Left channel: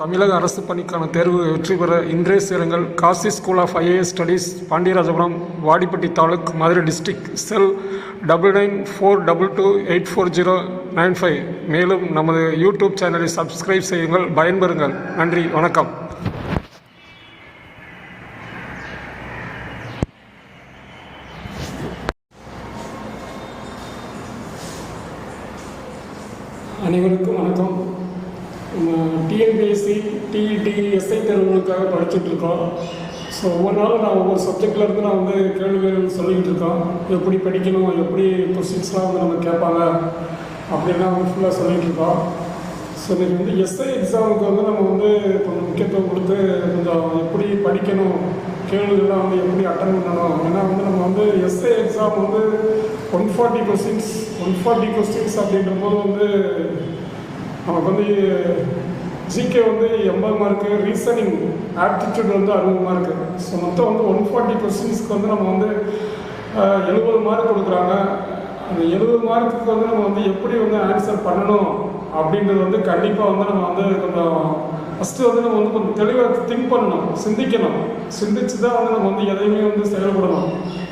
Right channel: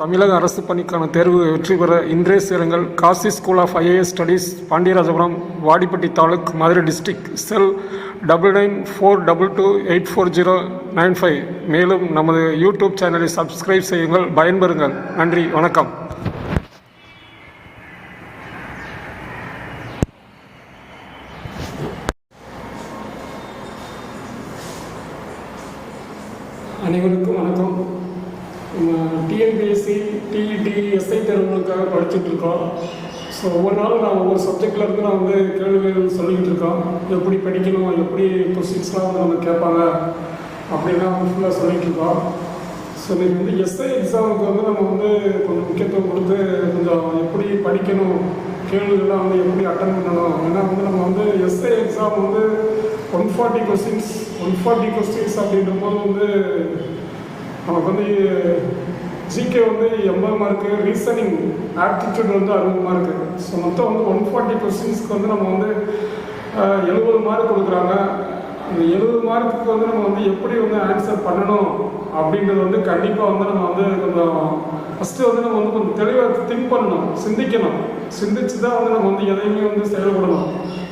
தமிழக அரசு பணிக்கான தேர்வு வெற்றி பெற இன்றே சேருங்கள். Kasi school of IAS studies, Pandiarajapuram, Vadipatti taluk, Madurai district. Cell 9942284095. மேலும் நமது யூடியூப் சேனலை சப்ஸ்கிரைப் செய்யுங்கள். பயன்பெறுங்கள். நன்றி, வணக்கம். அனைவருக்கும் வணக்கம். நம்ம டிஎன்பிஎஸ்சி, டிஇடி, எஸ்ஐ தேர்வுகளுக்காக படிச்சுட்டு இருக்கோம். ஸோ ஒவ்வொரு நாளும் நான் ஒவ்வொரு சப்ஜெக்டில் இருந்து நான் கேள்விகள் சொல்லிக்கிட்டு இருக்கோம். எப்படி படிக்கணும், எப்படி கொஸ்டின்ஸ்லாம் நம்ம கேட்பாங்க அப்படின்னா ஃபுல்லாக சொல்லிகிட்டு இருக்கோம். ஸோ இன்றைக்கி எஸ்ஐ எக்ஸாமுக்கு நம்ம கொஞ்சம் முக்கியத்துவம் கொடுத்து கொஞ்சம் எப்படி படிக்கணும், கேள்விகள்லாம் எப்படி அட்டன் பண்ணணும். ஏன்னா நம்ம எஸ்ஐ எக்ஸாம் 140 கொஸ்டின்ஸ் அப்படின்ற போது நமக்கு GK 80 mark, reasoning aptitude 60 mark. So மொத்தம் 140 கொஸ்டின்ஸ்க்கு நம்ம 70 மார்க் கொடுக்குறாங்க. அந்த 70 மார்க்குக்கு நம்ம எப்படி ஆன்சர் பண்ணணும் அப்படின்றது கண்டிப்பாக நம்ம கொஞ்சம் ஃபஸ்ட்டு நம்ம கொஞ்சம் தெளிவாக திங்க் பண்ணணும், சிந்திச்சு தான் நம்ம எதையுமே செயல்படணும்.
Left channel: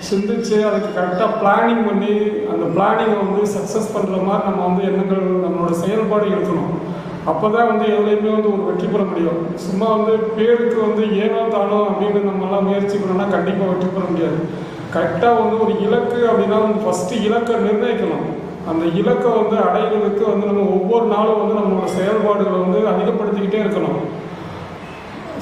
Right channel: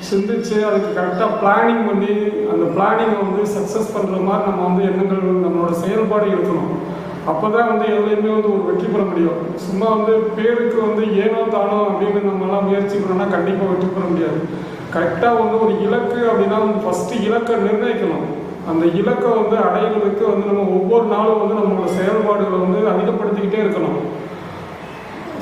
சிந்திச்சு அதுக்கு கரெக்டாக பிளானிங் பண்ணி அந்த பிளானிங்கை சக்ஸஸ் பண்ணுற மாதிரி நம்ம எண்ணங்கள், நம்மளோட செயல்பாடு இருக்கணும். அப்போ தான் எதுலையுமே ஒரு வெற்றி பெற முடியும். சும்மா பேருக்கு ஏனோ தானோ அப்படின்னு நம்மளாம் முயற்சி பண்ணோம்னா கண்டிப்பாக வெற்றி பெற முடியாது. கரெக்டாக ஒரு இலக்கு அப்படின்னா ஃபஸ்ட்டு இலக்கை நிர்ணயிக்கணும். அந்த இலக்கை அடையிறதுக்கு நம்ம ஒவ்வொரு நாளும் நம்மளோட செயல்பாடுகளை அதிகப்படுத்திக்கிட்டே இருக்கணும்.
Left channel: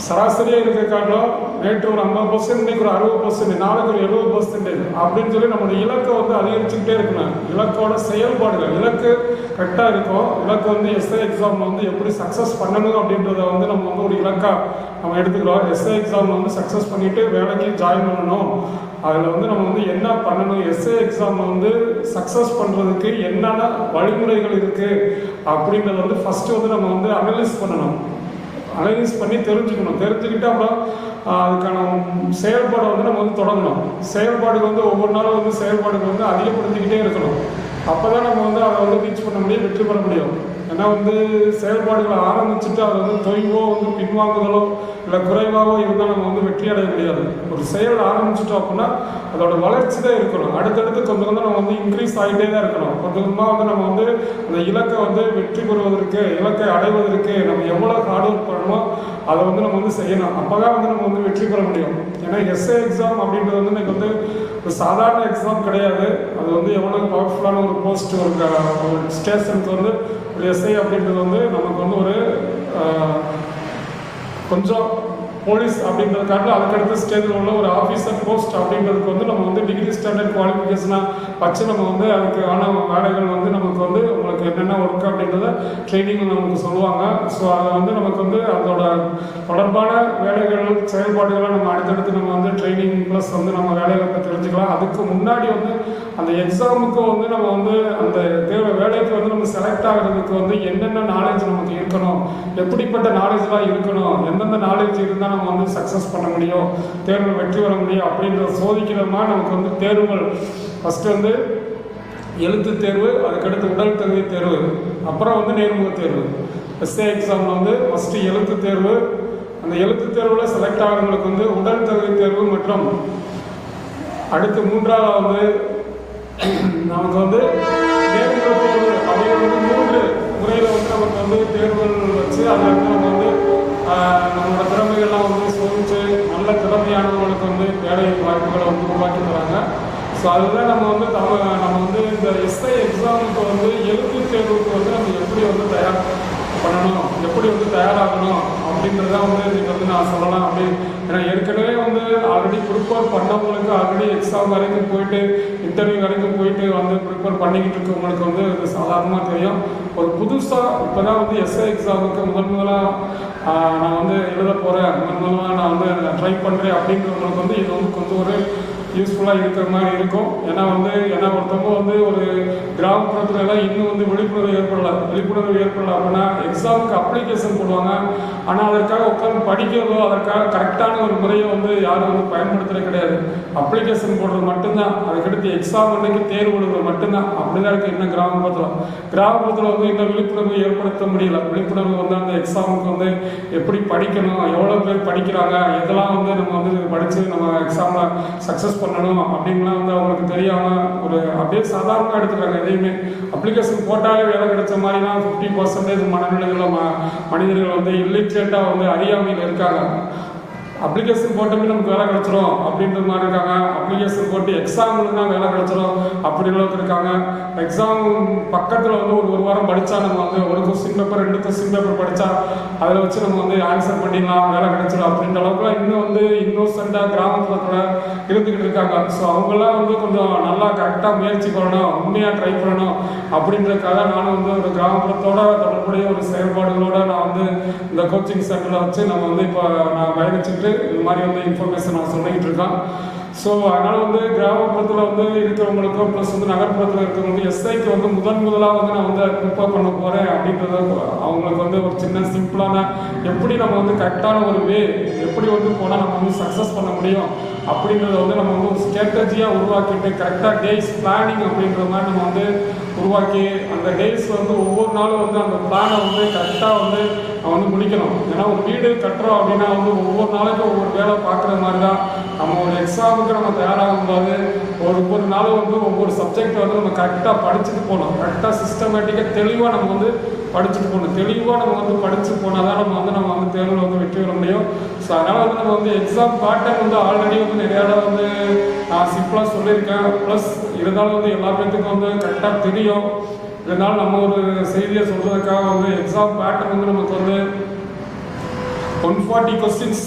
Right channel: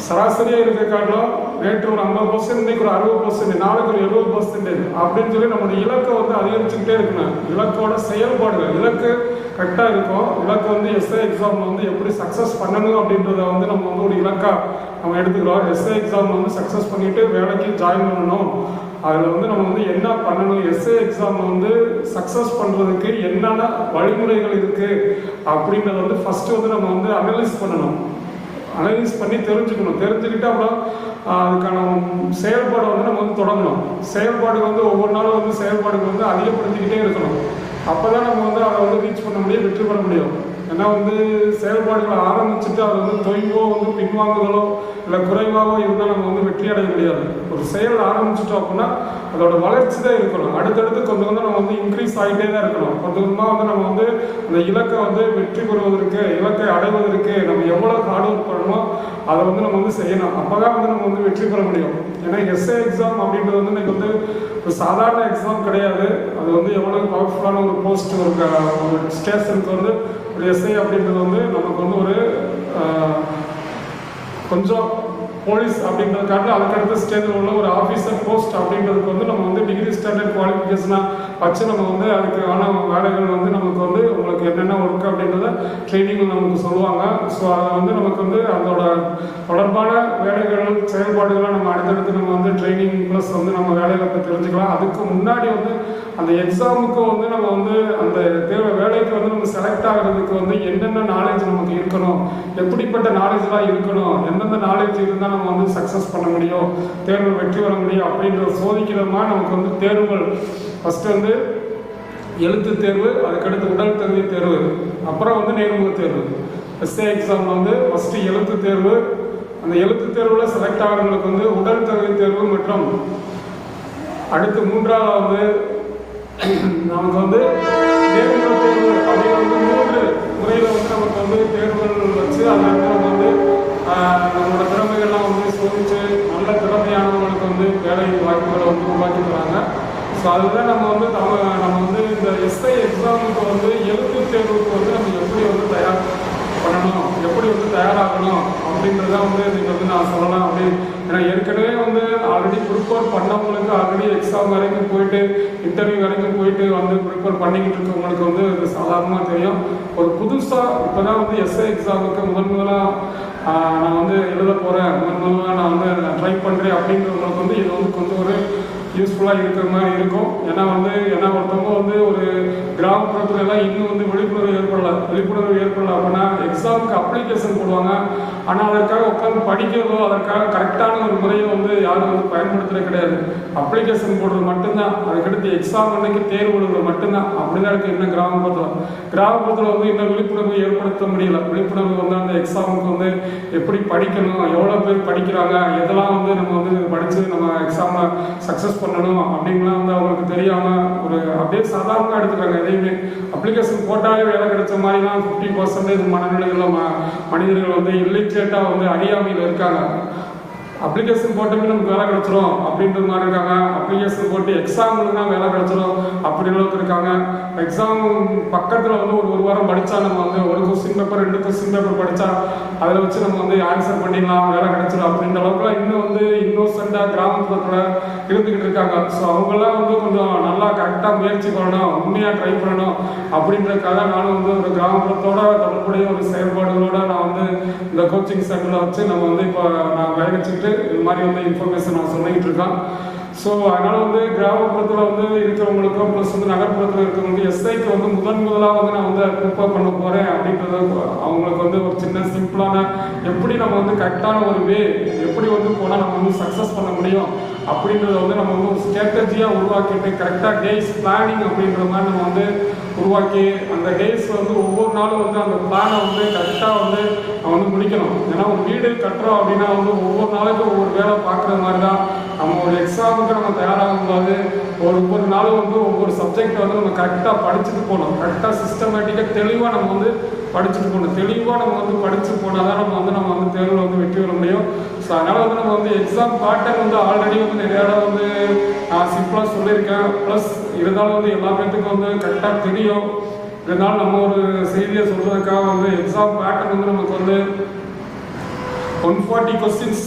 சராசரியாக இருக்க காரணம் நேற்று ஒரு 50%, இன்னைக்கு ஒரு 60%, நாளைக்கு ஒரு 70% அப்படின்னு சொல்லி நம்மளோட இலக்கை அதிகரிச்சுக்கிட்டே இருக்கணும். இலக்கோட செயல்பாடுகள், இலக்கு கரெக்டாக இருக்கும். இலக்கு எஸ்ஐ எக்ஸாம் எப்படி சக்ஸஸ் பண்ணணும் அப்படின்றத நம்ம ஒரு இலக்காக நம்ம எடுத்துக்கிறோம். எஸ்ஐ எக்ஸாம் சக்ஸஸ் பண்ணிட்டு வேலைக்கு ஜாயின் பண்ணணும். அதில் நம்ம என்ன பண்ணணும், எஸ்ஐ எக்ஸாம் சக்ஸஸ் பண்ணுறதுக்கு என்னென்ன வழிமுறைகள் இருக்குது அப்படின்றத ஃபஸ்ட்டு நம்ம அனலைஸ் பண்ணணும். அனலைஸ் பண்ணி தெரிஞ்சுக்கிட்டு அப்புறம் அதுக்கான செயல்பாடை நம்ம தொடங்கணும். செயல்பாடு ஒவ்வொரு நாளும் செயல்பாடுகள் அதிகப்படுத்திக்கிட்டே இருக்கணும். அப்போ தான் நம்ம அதை ரீச் பண்ண முடியும், வெற்றி பெற முடியும். ஏன்னா செயல்பாடுகளை ஆரம்பிச்சுட்டு அதை தொய்வோ பின்வாங்குதலோ இல்லை குறைவாகவோ இருந்தால் நம்ம வெற்றி அடைய முடியாது. ஒரு செயல் ஆரம்பிச்சிட்டோம் அப்படின்னா அதோட வளர்ச்சி தான் இருக்கணும். அடுத்தடுத்து கொஞ்சம் நம்ம இன்க்ரீஸ் ஆகிட்டே தான் இருக்கணும். கொஞ்சம் கொஞ்சமாக நம்ம அந்த இலக்கை வெற்றி பெறுவதற்கு, இலக்கை அடைவதற்கு நம்ம எவ்வளோ ஹார்ட் ஒர்க் பண்ணணும் அதை நம்ம செய்யணும். அப்போ தான் நம்ம வெற்றி பெற முடியும். ஏன்னா எஸ்ஏ எக்ஸாம் அப்படின்றது இன்னைக்கு ஒரு சாதாரண எக்ஸாம் கிடையாது. அது எவ்வளோ பவர்ஃபுல்லான ஒரு போஸ்ட், ஒரு ஸ்டேஷனுக்கு ஒரு எஸ்ஐ அப்படின்றது நமக்கு ஒரு கொஞ்சம் போலீஸ் அப்படின்றது காட்டில் அதுக்கடுத்த ஸ்டேஜில் உள்ள ஒரு ஆஃபீஸர் போஸ்ட் அப்படின்றதுக்கு நம்ம டிகிரி ஸ்டாண்டர்ட் குவாலிஃபிகேஷனாக வச்சு நம்ம அதுக்கான வேலைகள் நமக்கு உங்களுக்கு என்னென்ன ஒர்க் அப்படின்றத ட்ரைனிங்கில் நமக்கு சொல்லுவாங்க. ஸோ அதை நமக்கு அதோட தொடர்பான வேலைகள், செயல்பாடுகளை நம்ம அடுத்தடுத்து நம்ம ட்ரைனிங் ப்ளஸ் நம்ம வேலைகளை பற்றி தெரிஞ்சுக்கலாம். அதுக்கு முன்னாடி அந்த எக்ஸாமுக்கு நம்ம அந்த வேலைக்கு நம்ம செலக்ட் ஆகிறதுக்கு என்னென்ன நாலேஜ் நமக்கு இருக்கணும், எப்படிப்பட்ட நாலேஜ்லாம் இருக்கணும், எந்தெந்த நாலேஜ் இருந்தால் நம்ம சக்ஸஸ் பண்ண முடியும், தேர்வு வெற்றி பெற முடியும் அப்படின்ற சோதிக்கிற மாதிரி நமக்கு தேர்வுகள் ஃபஸ்ட்டு எழுத்து தேர்வு, அதுக்கடுத்து உடல் தகுதி தேர்வு, அப்புறம் நேர்முக தேர்வு. எஸ்ஏ எக்ஸாமில் ஃபஸ்ட்டு எழுத்து தேர்வு, அந்த எழுத்து தேர்வில் செலக்ட் ஆகிறவங்களுக்கு உடல் தகுதி தேர்வு மற்றும் அடுத்து மூன்றாவது நமக்கு நேர்முக தேர்வு அப்படின்னு 3 முறையில் நமக்கு தேர்வுகள் வச்சு அந்த இடத்துல நம்மளோட திறமைகள்லாம் சோதிச்சு நல்ல திறமையானவங்களுக்கு வேலை வாய்ப்புகளை உருவாக்கி தராங்க. ஸோ அதுதான் நம்ம நம்ம இந்த எஸ்ஐ எக்ஸாமுக்கு எழுத்து தேர்வுக்கு நம்ம எப்படி தயார் பண்ணணும், எப்படி தயாராகணும் அப்படின்றத இன்னைக்கு நான் சொல்லலாம். ஏன்னா ஏற்கனவே ஆல்ரெடி ப்ரிப்பேர் பண்ணவங்களுக்கு, ஆல்ரெடி எக்ஸாம் வரைக்கும் போயிட்டு இன்டர்வியூ வரைக்கும் போயிட்டு ப்ரிப்பேர் பண்ணிக்கிட்டு இருக்கவங்களுக்கு இது சாதாரணமாக தெரியும். ஒரு புதுசாக இப்போ தான் எஸ்ஐ எக்ஸாமுக்கு முதலாக நான் எழுத போகிறேன், முதலாக நான் ட்ரை பண்ணுறேன் அப்படிங்கிறவங்களுக்கு இது கொஞ்சம் ஒரு யூஸ்ஃபுல்லாக இருக்கிற மாதிரி இருக்கும். ஏன்னா ஒருத்தவங்க ஒரு கிராமப்புறத்துல எல்லாம் இன்னும் விழிப்புணர்வு ஏற்படல அப்படின்னா எக்ஸாமுக்கு அப்ளிகேஷன் போடுவாங்க. ஆனால் அதற்காக உட்காந்து படிக்கிறதோ அதற்காக கரெக்டான ஒரு முறையை யாரும் பயன்படுத்துறது கிடையாது. அப்ளிகேஷன் போடுறது மட்டும்தான், அதுக்கடுத்து எக்ஸாம் அன்னைக்கு தேர்வு எழுதுறது மட்டும்தான். அப்படிதான் இருக்கு இன்னும் கிராமப்புறத்தில் இன்னும் விழிப்புணர்வு ஏற்படுத்த முடியல. விழிப்புணர்வு அந்த எக்ஸாமுக்கு எப்படி படிக்கணும், எவ்வளோ பேர் படிக்கிறாங்க, எதெல்லாம் நம்ம படித்து நம்ம எக்ஸாமை சக்ஸஸ் பண்ணணும் அப்படின்லாம் அவங்களுக்கு தெரியாமல் அப்படியே சாதாரணமாக எடுத்துக்கிறாங்க. எதையுமே அப்ளிகேஷன் போட்டாலே வேலை கிடைச்ச மாதிரி தான் 50% மனநிலைகளில் மனிதர்கள் இல்லிட்ரேட்டாக அறியாமையில் இருக்காங்க. அப்ளிகேஷன் போட்டோமே நமக்கு வேலை கிடைச்சிரும் அப்படின்ற மாதிரி இருக்காங்க. அப்ளிகேஷன் போட்டு எக்ஸாமுக்கு தான் வேலை கிடைச்சிரும் அப்படி அளவுக்கு இருக்காங்க. எக்ஸாம் பக்கத்தில் ஒரு வாரம் படித்தா நம்ம ஒரு கொஸ்டின் பேப்பர் 2 கொஸ்டின் பேப்பர் படித்தா அதில் வச்சு நம்ம ஆன்சர் பண்ணிடலாம், வேலை கிடைச்சிடும் அப்படின்ற அளவுக்குலாம் இன்னும் இன்னோசென்ட்டாக கிராமப்புறத்தில் இருந்துக்கிட்டு இருக்காங்க. ஸோ அவங்கெல்லாம் கொஞ்சம் நல்லா கரெக்டாக முயற்சி பண்ணணும், உண்மையாக ட்ரை பண்ணணும் அப்படின்றதுக்காக நானும் ஒரு கிராமப்புறத்தோட தொடர்புடைய ஒரு செயல்பாடுகளோட நான் இந்த கோச்சிங் சென்டரில் வச்சு நம்ம இப்போ நான் பயணிச்சுட்டு இது மாதிரி இன்ஃபர்மேஷன் நான் சொல்லிக்கிட்டு இருக்கேன். ஸோ அதனால் கிராமப்புறத்தில் இருக்கிறவங்களுக்கும் ப்ளஸ் நகர்ப்புறத்தில் இருக்கிறவங்க எஸ்ஐக்கு முதலாக நான் ப்ரிப்பேர் பண்ண போகிறேன் அப்படின்றது அவங்களுக்கு ஒரு சின்ன சிம்பிளான எப்படி நம்ம கரெக்டான ஒரு வே எப்படி போனால் நம்ம சக்ஸஸ் பண்ண முடியும் அப்படின்றத நம்ம ஒரு ஸ்ட்ராட்டஜியாக உருவாக்கிட்டு கரெக்டாக டேஸ் பிளானிங் அப்படின்ற மாதிரி நம்ம உருவாக்கி அந்த டேஸ் ஒவ்வொரு நாளும் அந்த பிளானை கரெக்டாக நம்ம முடிக்கணும். ஏன்னா ஒரு வீடு கட்டுறோம் அப்படின்னா ஒவ்வொரு நாளைக்கும் ஒவ்வொரு வேலை பார்க்குற மாதிரி தான் நம்ம ஒரு எக்ஸாமுக்கு நம்ம தயாராகும் போது ஒவ்வொரு நாளும் ஒவ்வொரு சப்ஜெக்ட் நம்ம கரெக்டாக படிச்சுட்டு போகணும். கரெக்டாக சிஸ்டமேட்டிக்காக தெளிவாக நம்ம படிச்சுட்டு போகணும். தெளிவாக நம்ம படித்து போனால் தான் நம்ம தேர்வில் வெற்றி பெற முடியும். ஸோ அதனால் நம்ம எக்ஸாம் பேட்டர்ன் ஆல்ரெடி நிறையா நான் சிம்பிளாக சொல்லியிருக்கேன். ப்ளஸ் இருந்தாலும் எல்லா பேர்த்துக்கும் கரெக்டாக தெரியும். இதனால் நம்ம ஒரு செய்தியை சொல்றதுக்காக எக்ஸாம் பேட்டர்ன் நமக்கு 140 கொஸ்டின்ஸ்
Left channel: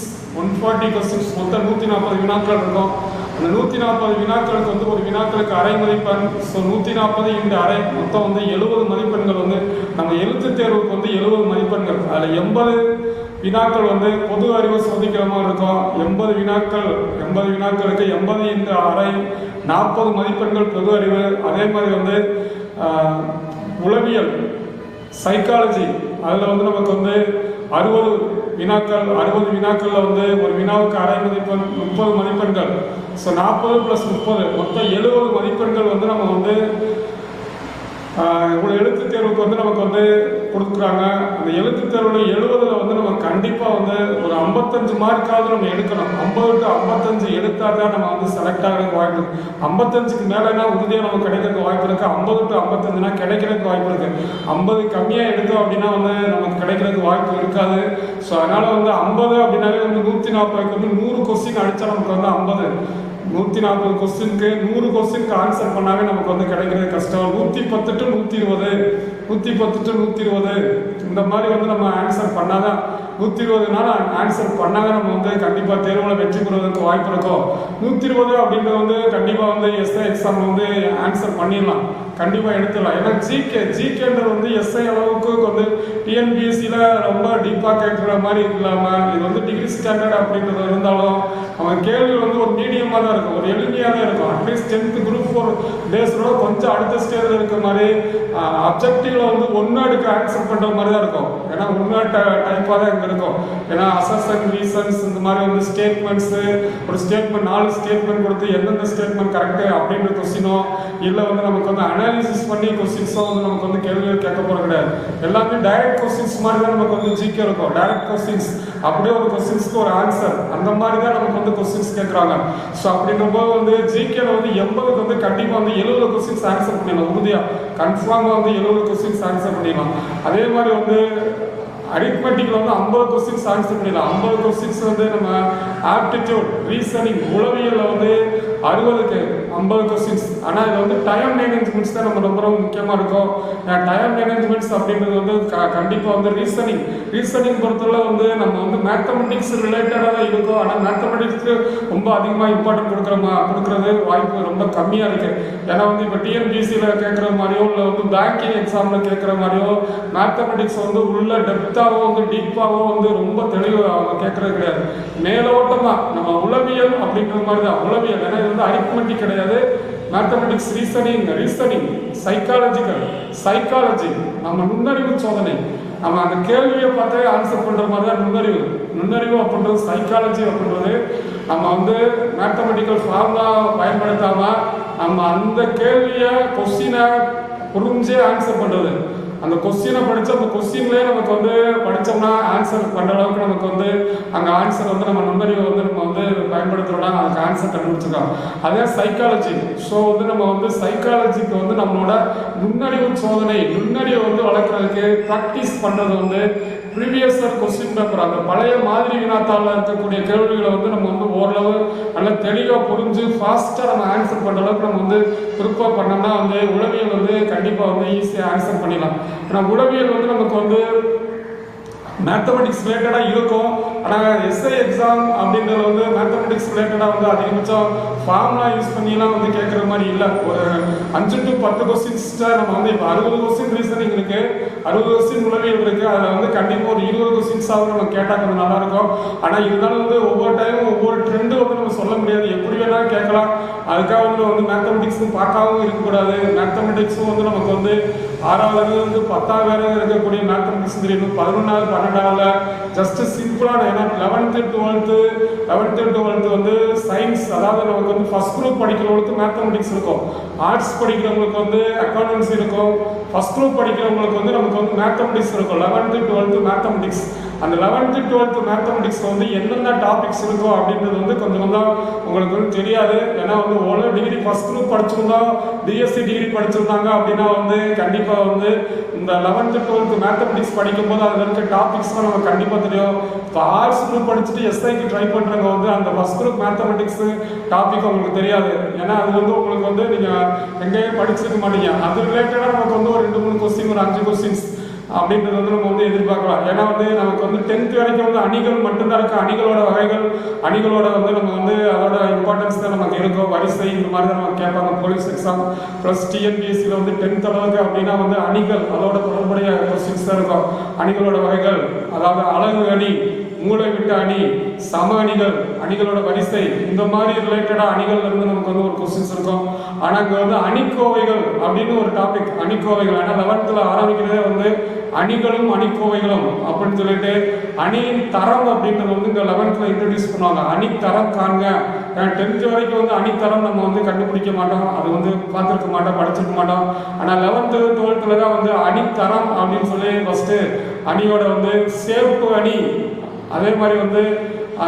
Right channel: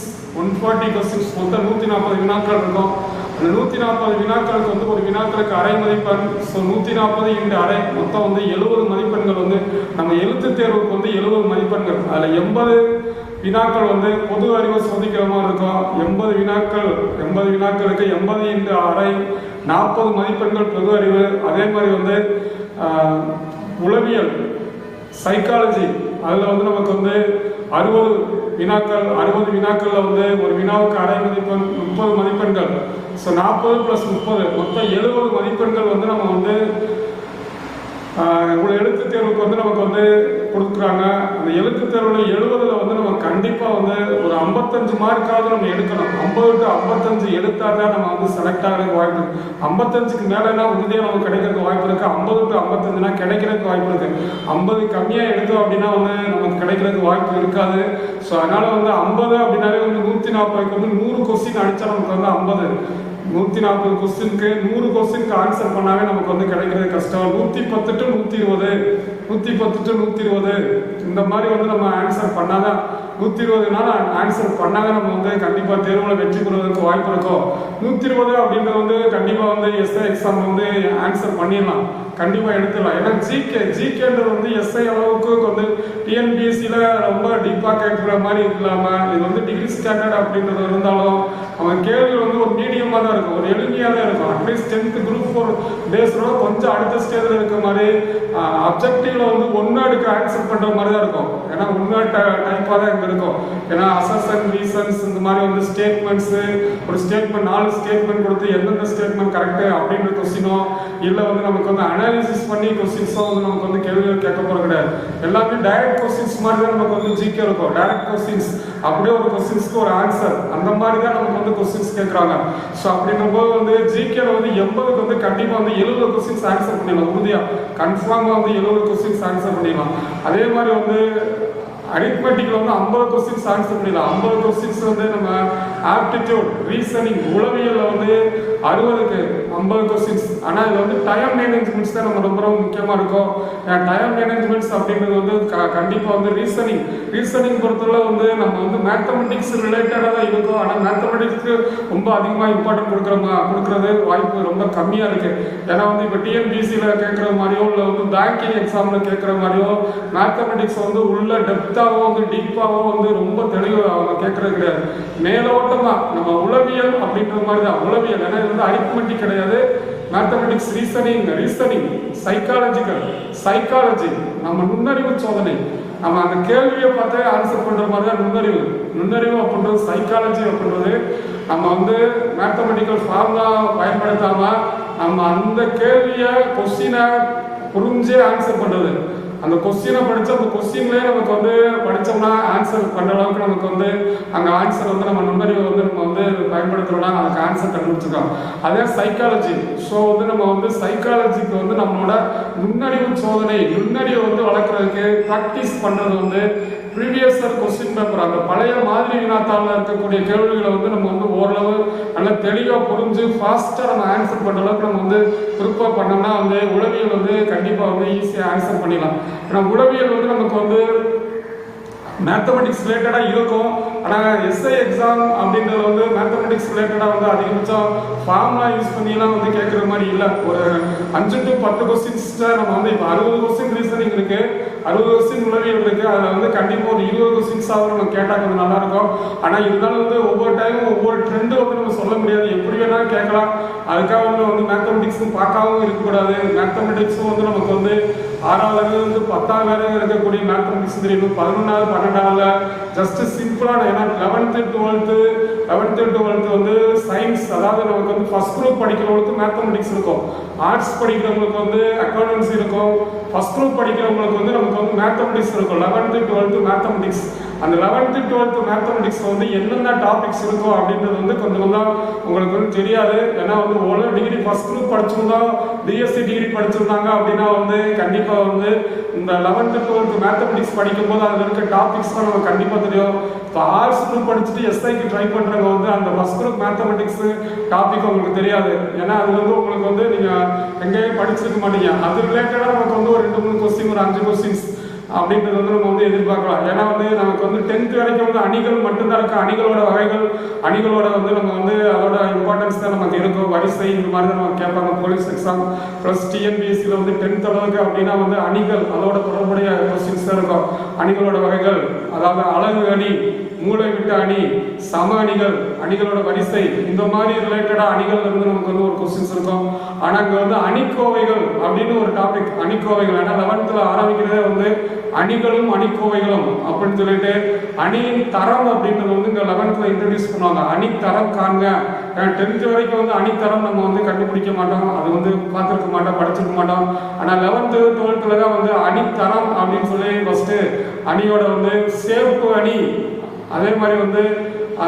மொத்தம் 140 வினாக்கள் இருக்கும். அந்த 140 வினாக்களுக்கு ஒரு வினாக்களுக்கு அரை மதிப்பெண். ஸோ 140 இந்த அரை மொத்தம் 70 மதிப்பெண்கள் நம்ம எழுத்து தேர்வுக்கு 70 மதிப்பெண்கள். அதில் 80 வினாக்கள் பொது அறிவை சோதிக்கிற மாதிரி இருக்கும். 80 வினாக்களுக்கு 80 இந்த அரை 40 மதிப்பெண்கள் பொது அறிவு. அதே மாதிரி உளவியல் சைக்காலஜி அதில் நமக்கு 60 வினாக்களில் ஒரு வினாவுக்கு அரை மதிப்பெண் 30 மதிப்பெண்கள். ஸோ 40 + 30 மொத்தம் 70 மதிப்பெண்கள் நம்ம ஒரு எழுத்து தேர்வுக்கு நமக்கு கொடுக்குறாங்க. அந்த எழுத்து தேர்வில் 70ல் நம்ம கண்டிப்பாக ஒரு 55 மார்க்காவது நம்ம எடுக்கணும். 50 to 55 எடுத்தால் தான் நம்ம செலக்ட் ஆகிறதுக்கு வாய்ப்பு இருக்கு. 55க்கு மேலேனா உறுதியாக நமக்கு கிடைக்கிறதுக்கு வாய்ப்பு இருக்கு. 50 to 55னா கிடைக்கிறதுக்கு வாய்ப்பு இருக்கு. 50 கம்மியாக எடுத்தோம் அப்படின்னா நமக்கு கிடைக்கிறதுக்கு வாய்ப்பு இருக்காது. ஸோ அதனால 50 அப்படின்னாலே 140க்கு 100 கொஸ்டின் அடித்தா நமக்கு 50 140 கொஸ்டினுக்கு 100 கொஸ்டினுக்கு ஆன்சர் பண்ணாவே நமக்கு கிடைக்கிறது கஷ்டம். 110 to 120 இந்த மாதிரி நம்ம ஆன்சர் பண்ணாதான் 120 நாள் ஆன்சர் பண்ணாதான் நம்ம கண்டிப்பாக தேர்வில் வெற்றி பெறுவதற்கு வாய்ப்பு இருக்கும். 120 அப்படின்றது கண்டிப்பாக எஸ்ஐ எக்ஸாம் ஆன்சர் பண்ணிடலாம், கண்டிப்பாக எடுத்துடலாம். ஏன்னா ஜிகேன்றது எஸ்ஐ அளவுக்கு டிஎன்பிஎஸ்சியில் ரொம்ப டீப்பாக கேட்குற மாதிரி இல்லாமல் இது டிகிரி ஸ்டாண்டர்ட் அப்படின்றது இருந்தாலும் அவன் கேள்வி ஒரு மீடியமாக தான் இருக்கும், ஒரு எளிமையாக தான் இருக்கும். அட்லீஸ்ட் 10th குரூப் 4 டேஸோட கொஞ்சம் அடுத்த ஸ்டேஜில் இருக்கிற மாதிரி அப்ஜெக்டிவ்ல ஒன் வேர்டுக்கு ஆன்சர் பண்ணுற மாதிரி தான் இருக்கும். ஏன்னா ஒன் வேர்ட் டைப்பாக தான் இங்கே இருக்கும். ஏன்னா அசர்ஷன், ரீசன்ஸ் இந்த மாதிரி ஸ்டேட்மெண்ட்ஸு, ஒரு ஸ்டேட்மெண்ட் 4 ஸ்டேட்மெண்ட் கொடுத்து எந்தெந்த ஸ்டேட்மெண்ட் கரெக்டு அப்படின்ற கொஸ்டினோ இல்லை நமக்கு அனாலிசிஸ் பண்ணி கொஸ்டின்ஸோ நமக்கு கேள்விகள் கேட்க போகிறது கிடையாது. எல்லாமே டைரக்ட் கொஸ்டின்ஸ் மாதிரி தான் நமக்கு ஜிகே இருக்கும். டைரக்ட் கொஸ்டின்ஸ் அப்படியே ஒரு கொஸ்டின்ஸ்க்கு ஒரு ஆன்சர் அந்த மாதிரி தான் நமக்கு கொஸ்டின்ஸ் கேட்குறாங்க. ஸோ அப்படின்னும் போது ஜிகேல 80க்கு கண்டிப்பாக 70 கொஸ்டின்ஸ் ஆன்சர் பண்ணிடலாம். உறுதியாக கன்ஃபார்மாக 70 கொஸ்டின்ஸ் ஆன்சர் பண்ணிடலாம். அதே மாதிரி அரித்மெட்டிக்ல 50 கொஸ்டின்ஸ் ஆன்சர் பண்ணிடலாம். 50 கொஸ்டின்ஸ் நம்ம ஆப்டிடியூட், ரீசனிங், உளவியல்ல 60க்கு 50 கொஸ்டின்ஸ். ஆனால் இது டைம் மேனேஜ்மெண்ட்ஸ் தான் நம்ம ரொம்ப முக்கியமாக இருக்கும். டைம் மேனேஜ்மெண்ட்ஸ் அப்படின்றது கண்டிப்பாக ரீசனிங் பொறுத்தவரை நம்ம மேத்தமெட்டிக்ஸ் ரிலேட்டடாக தான் இருக்கும். ஆனால் மேத்தமெட்டிக்ஸ்க்கு ரொம்ப அதிகமாக இம்பார்ட்டன்ட் கொடுக்கறது வாய்ப்பு ரொம்ப கம்மியாக இருக்கு. ஏன்னா இப்போ டிஎன்பிசியில் கேட்குற மாதிரியோ இல்லை பேங்கிங் எக்ஸாமில் கேட்குற மாதிரியோ மேத்தமெட்டிக்ஸ் உள்ள டெப்த் டெப்த்தாவோ வந்து டீப்பாவோ வந்து ரொம்ப தெளிவு அவங்க கேட்கறது கிடையாது. மேலோட்டமா நம்ம உளவியல் அப்படின்ற மாதிரி தான். உளவியல் ஏன்னா இது வந்து அரித்மெட்டிக் கிடையாது, மேத்தமெட்டிக்ஸ், ரீசனிங், சைக்காலஜி நம்ம நுண்ணறிவு சோதனை. நம்ம அந்த கேள்வியை பார்த்தே ஆன்சர் பண்ற மாதிரி தான் நுண்ணறிவு அப்படின்றது. சைக்காலஜி அப்படின்றது நம்ம வந்து மேத்தமெட்டிக்கல் ஃபார்முலா பயன்படுத்தாம நம்ம அந்த கேள்வியை கொஸ்டினை புரிஞ்சே ஆன்சர் பண்றது. அந்த கொஸ்டினை படிச்சு அந்த கொஸ்டின்லேயே நமக்கு வந்து படித்தோம்னா ஆன்சர் பண்ணுற அளவுக்கு நமக்கு வந்து அங்கே ஆன்சர் வந்து நம்ம நுண்ணறிவை வந்து நம்ம வந்து பயன்படுத்துகிறோம்னா அதுக்கு ஆன்சர் கண்டுபிடிச்சிருக்கோம். அதே சைக்காலஜி. ஸோ வந்து நம்ம வந்து சைக்காலஜிக்கு வந்து நம்மளோட நுண்ணறிவு சோதனை, நுண்ணறிவை வந்து வளர்க்குறதுக்கு ப்ராக்டிஸ் பண்ணுறது வந்து ப்ரீவியஸ் கொஸ்டின் பேப்பர், அந்த பழைய மாதிரி வினாத்தாளில் இருக்கக்கூடிய கேள்விகளை வந்து நம்ம வந்து ஓரளவு நல்லா தெளிவாக புரிஞ்சு ஃபாஸ்ட்டாக நம்ம ஆன்சர் பண்ணுற அளவுக்கு நம்ம வந்து ப்ரிப்பேர் பண்ணோம்னா வந்து உளவியல் வந்து கண்டிப்பாக வந்து ஈஸியாக ஆன்சர் பண்ணிடலாம். ஏன்னா உளவியல் வந்து நமக்கு வந்து மேத்தமெட்டிக்ஸ் ரிலேட்டடாக இருக்கும். ஆனால் எஸ்ஐ எக்ஸாம் அப்படின்றது வந்து மேத்தமெட்டிக்ஸ் ரிலேட்டடாக வந்து அதிகபட்சம் ஃபார்முலா யூஸ் பண்ணிலாம் வந்து கேட்குற மாதிரி இல்லை. ஒரு 5 to 10 கொஸ்டின்ஸை நம்ம வந்து இப்போ 60 கொஸ்டின் ரீசனிங் இருக்கு, 60 கொஸ்டின் உளவியல் இருக்கு. அதில் வந்து கண்டிப்பாக ஒரு 20 கொஸ்டின்ஸாவது நம்ம கேட்டால் கொஞ்சம் நல்லா இருக்கும். ஆனால் இருந்தாலும் வந்து ஒவ்வொரு டைமும் ஒவ்வொரு ட்ரெண்டு வந்து நம்ம சொல்ல முடியாது, எப்படி வேணாலும் கேட்கலாம். அதுக்காக வந்து மேத்தமெட்டிக்ஸும் பார்க்காமவும் இருக்கக்கூடாது. மேத்தமெட்டிக்ஸும் வந்து நமக்கு வந்து 6வது 10வது வரை இருக்கக்கூடிய மேத்தமெட்டிக்ஸ் தெரியும். 11வது 12வது ஜஸ்ட் சிம்பிளான, ஏன்னா 11th 12th வந்து சயின்ஸ், அதாவது நமக்கு வந்து ஃபர்ஸ்ட் குரூப் படிக்கிறவங்களுக்கு மேத்தமெட்டிக்ஸ் இருக்கும், ஆர்ட்ஸ் படிக்கிறவங்களுக்கு வந்து அக்கௌண்டன்சி இருக்கும், ஃபர்ஸ்ட் குரூப் படிக்கிறவங்களுக்கு வந்து நமக்கு வந்து மேத்தமெட்டிக்ஸ் இருக்கும். 11th 12th mathematics. அந்த 11th 12th மேத்தமெட்டிக்ஸ் வந்து என்னென்ன டாபிக்ஸ் இருக்கும் அப்படின்றது வந்து கொஞ்சம் உங்களுக்கு வந்து தெரியாது. ஏன்னா வந்து ஓரளவு டிகிரி ஃபர்ஸ்ட் குரூப் படிச்சிருந்தோம், பிஎஸ்சி டிகிரி படிச்சிருந்தாங்க அப்படின்னா வந்து கண்டிப்பாக வந்து இந்த 11th 12th மேத்தமெட்டிக்ஸ் படிக்கும் போது அதில் இருக்க டாபிக்ஸ்லாம் நமக்கு கண்டிப்பாக தெரியும். இப்போ ஆர்ட்ஸ் குரூப் படிச்சுட்டு எஸ்ஐக்கு ட்ரை பண்ணுறவங்க வந்து அந்த ஃபர்ஸ்ட் குரூப் மேத்தமெட்டிக்ஸ் டாபிக் உங்களுக்கு தெரியாது. ஏன்னா அது வந்து உங்களுக்கு வந்து நீங்கள் எங்கேயும் படிச்சிருக்க மாட்டீங்க. அது ரிலேட்டடாக நமக்கு வந்து ஒரு 2-3 கொஸ்டின், ஒரு 5 கொஸ்டின்ஸ் அப்படின்றது வந்து நம்ம வந்து எதிர்பார்க்கலாம். ஏன்னா வந்து நமக்கு வந்து 10th வரைக்கும் வந்து அணிகள் மட்டும்தான் இருக்கு. அணிகளோட வகைகள், அணிகளோட வந்து நம்ம வந்து அதோட இம்பார்ட்டன்ஸ் தான் நமக்கு இருக்கும். வரிசை இந்த மாதிரி தான் நம்ம கேட்பாங்க போலீஸ் எக்ஸாம் ப்ளஸ் டிஎன்பிஎஸ்சியில் வந்து 10th அளவுக்கு அப்படின்னா வந்து அணிகள், அதோட தொடர்புடைய கொஸ்டின்ஸ் தான் இருக்கும். அணிகளோட வகைகள், அதாவது அழகு அணி, மூளை விட்ட அணி, சம அணிகள், அணிகளோட வரிசை, இந்த மாதிரி ரிலேட்டடாக அணிகள் இருந்து நமக்கு வந்து ஒரு கொஸ்டின்ஸ் இருக்கும். ஆனால் இங்கே வந்து அணிக்கோவைகள் அப்படின்னு ஒரு டாபிக். அணிக்கோவைகள் ஏன்னா 11th ஆரம்பிக்கிறதே வந்து அணிகளும் அணிக்கோவைகளும் அப்படின்னு சொல்லிட்டு அணியின் தரம் அப்படின்றது வந்து இங்கே 11th இன்ட்ரடியூஸ் பண்ணுவாங்க. அணித்தரம் காண்க. 10th வரைக்கும் வந்து அணித்தரம் நம்ம வந்து கண்டுபிடிக்க மாட்டோம், அது வந்து பார்த்துருக்க மாட்டோம், படிச்சிருக்க மாட்டோம். ஆனால் 11th 12th தான் வந்து அணித்தரம் அப்படின்னு சொல்லி ஃபர்ஸ்ட் அணியோட வந்து சேர்ப்பு அணி, அதே மாதிரி வந்து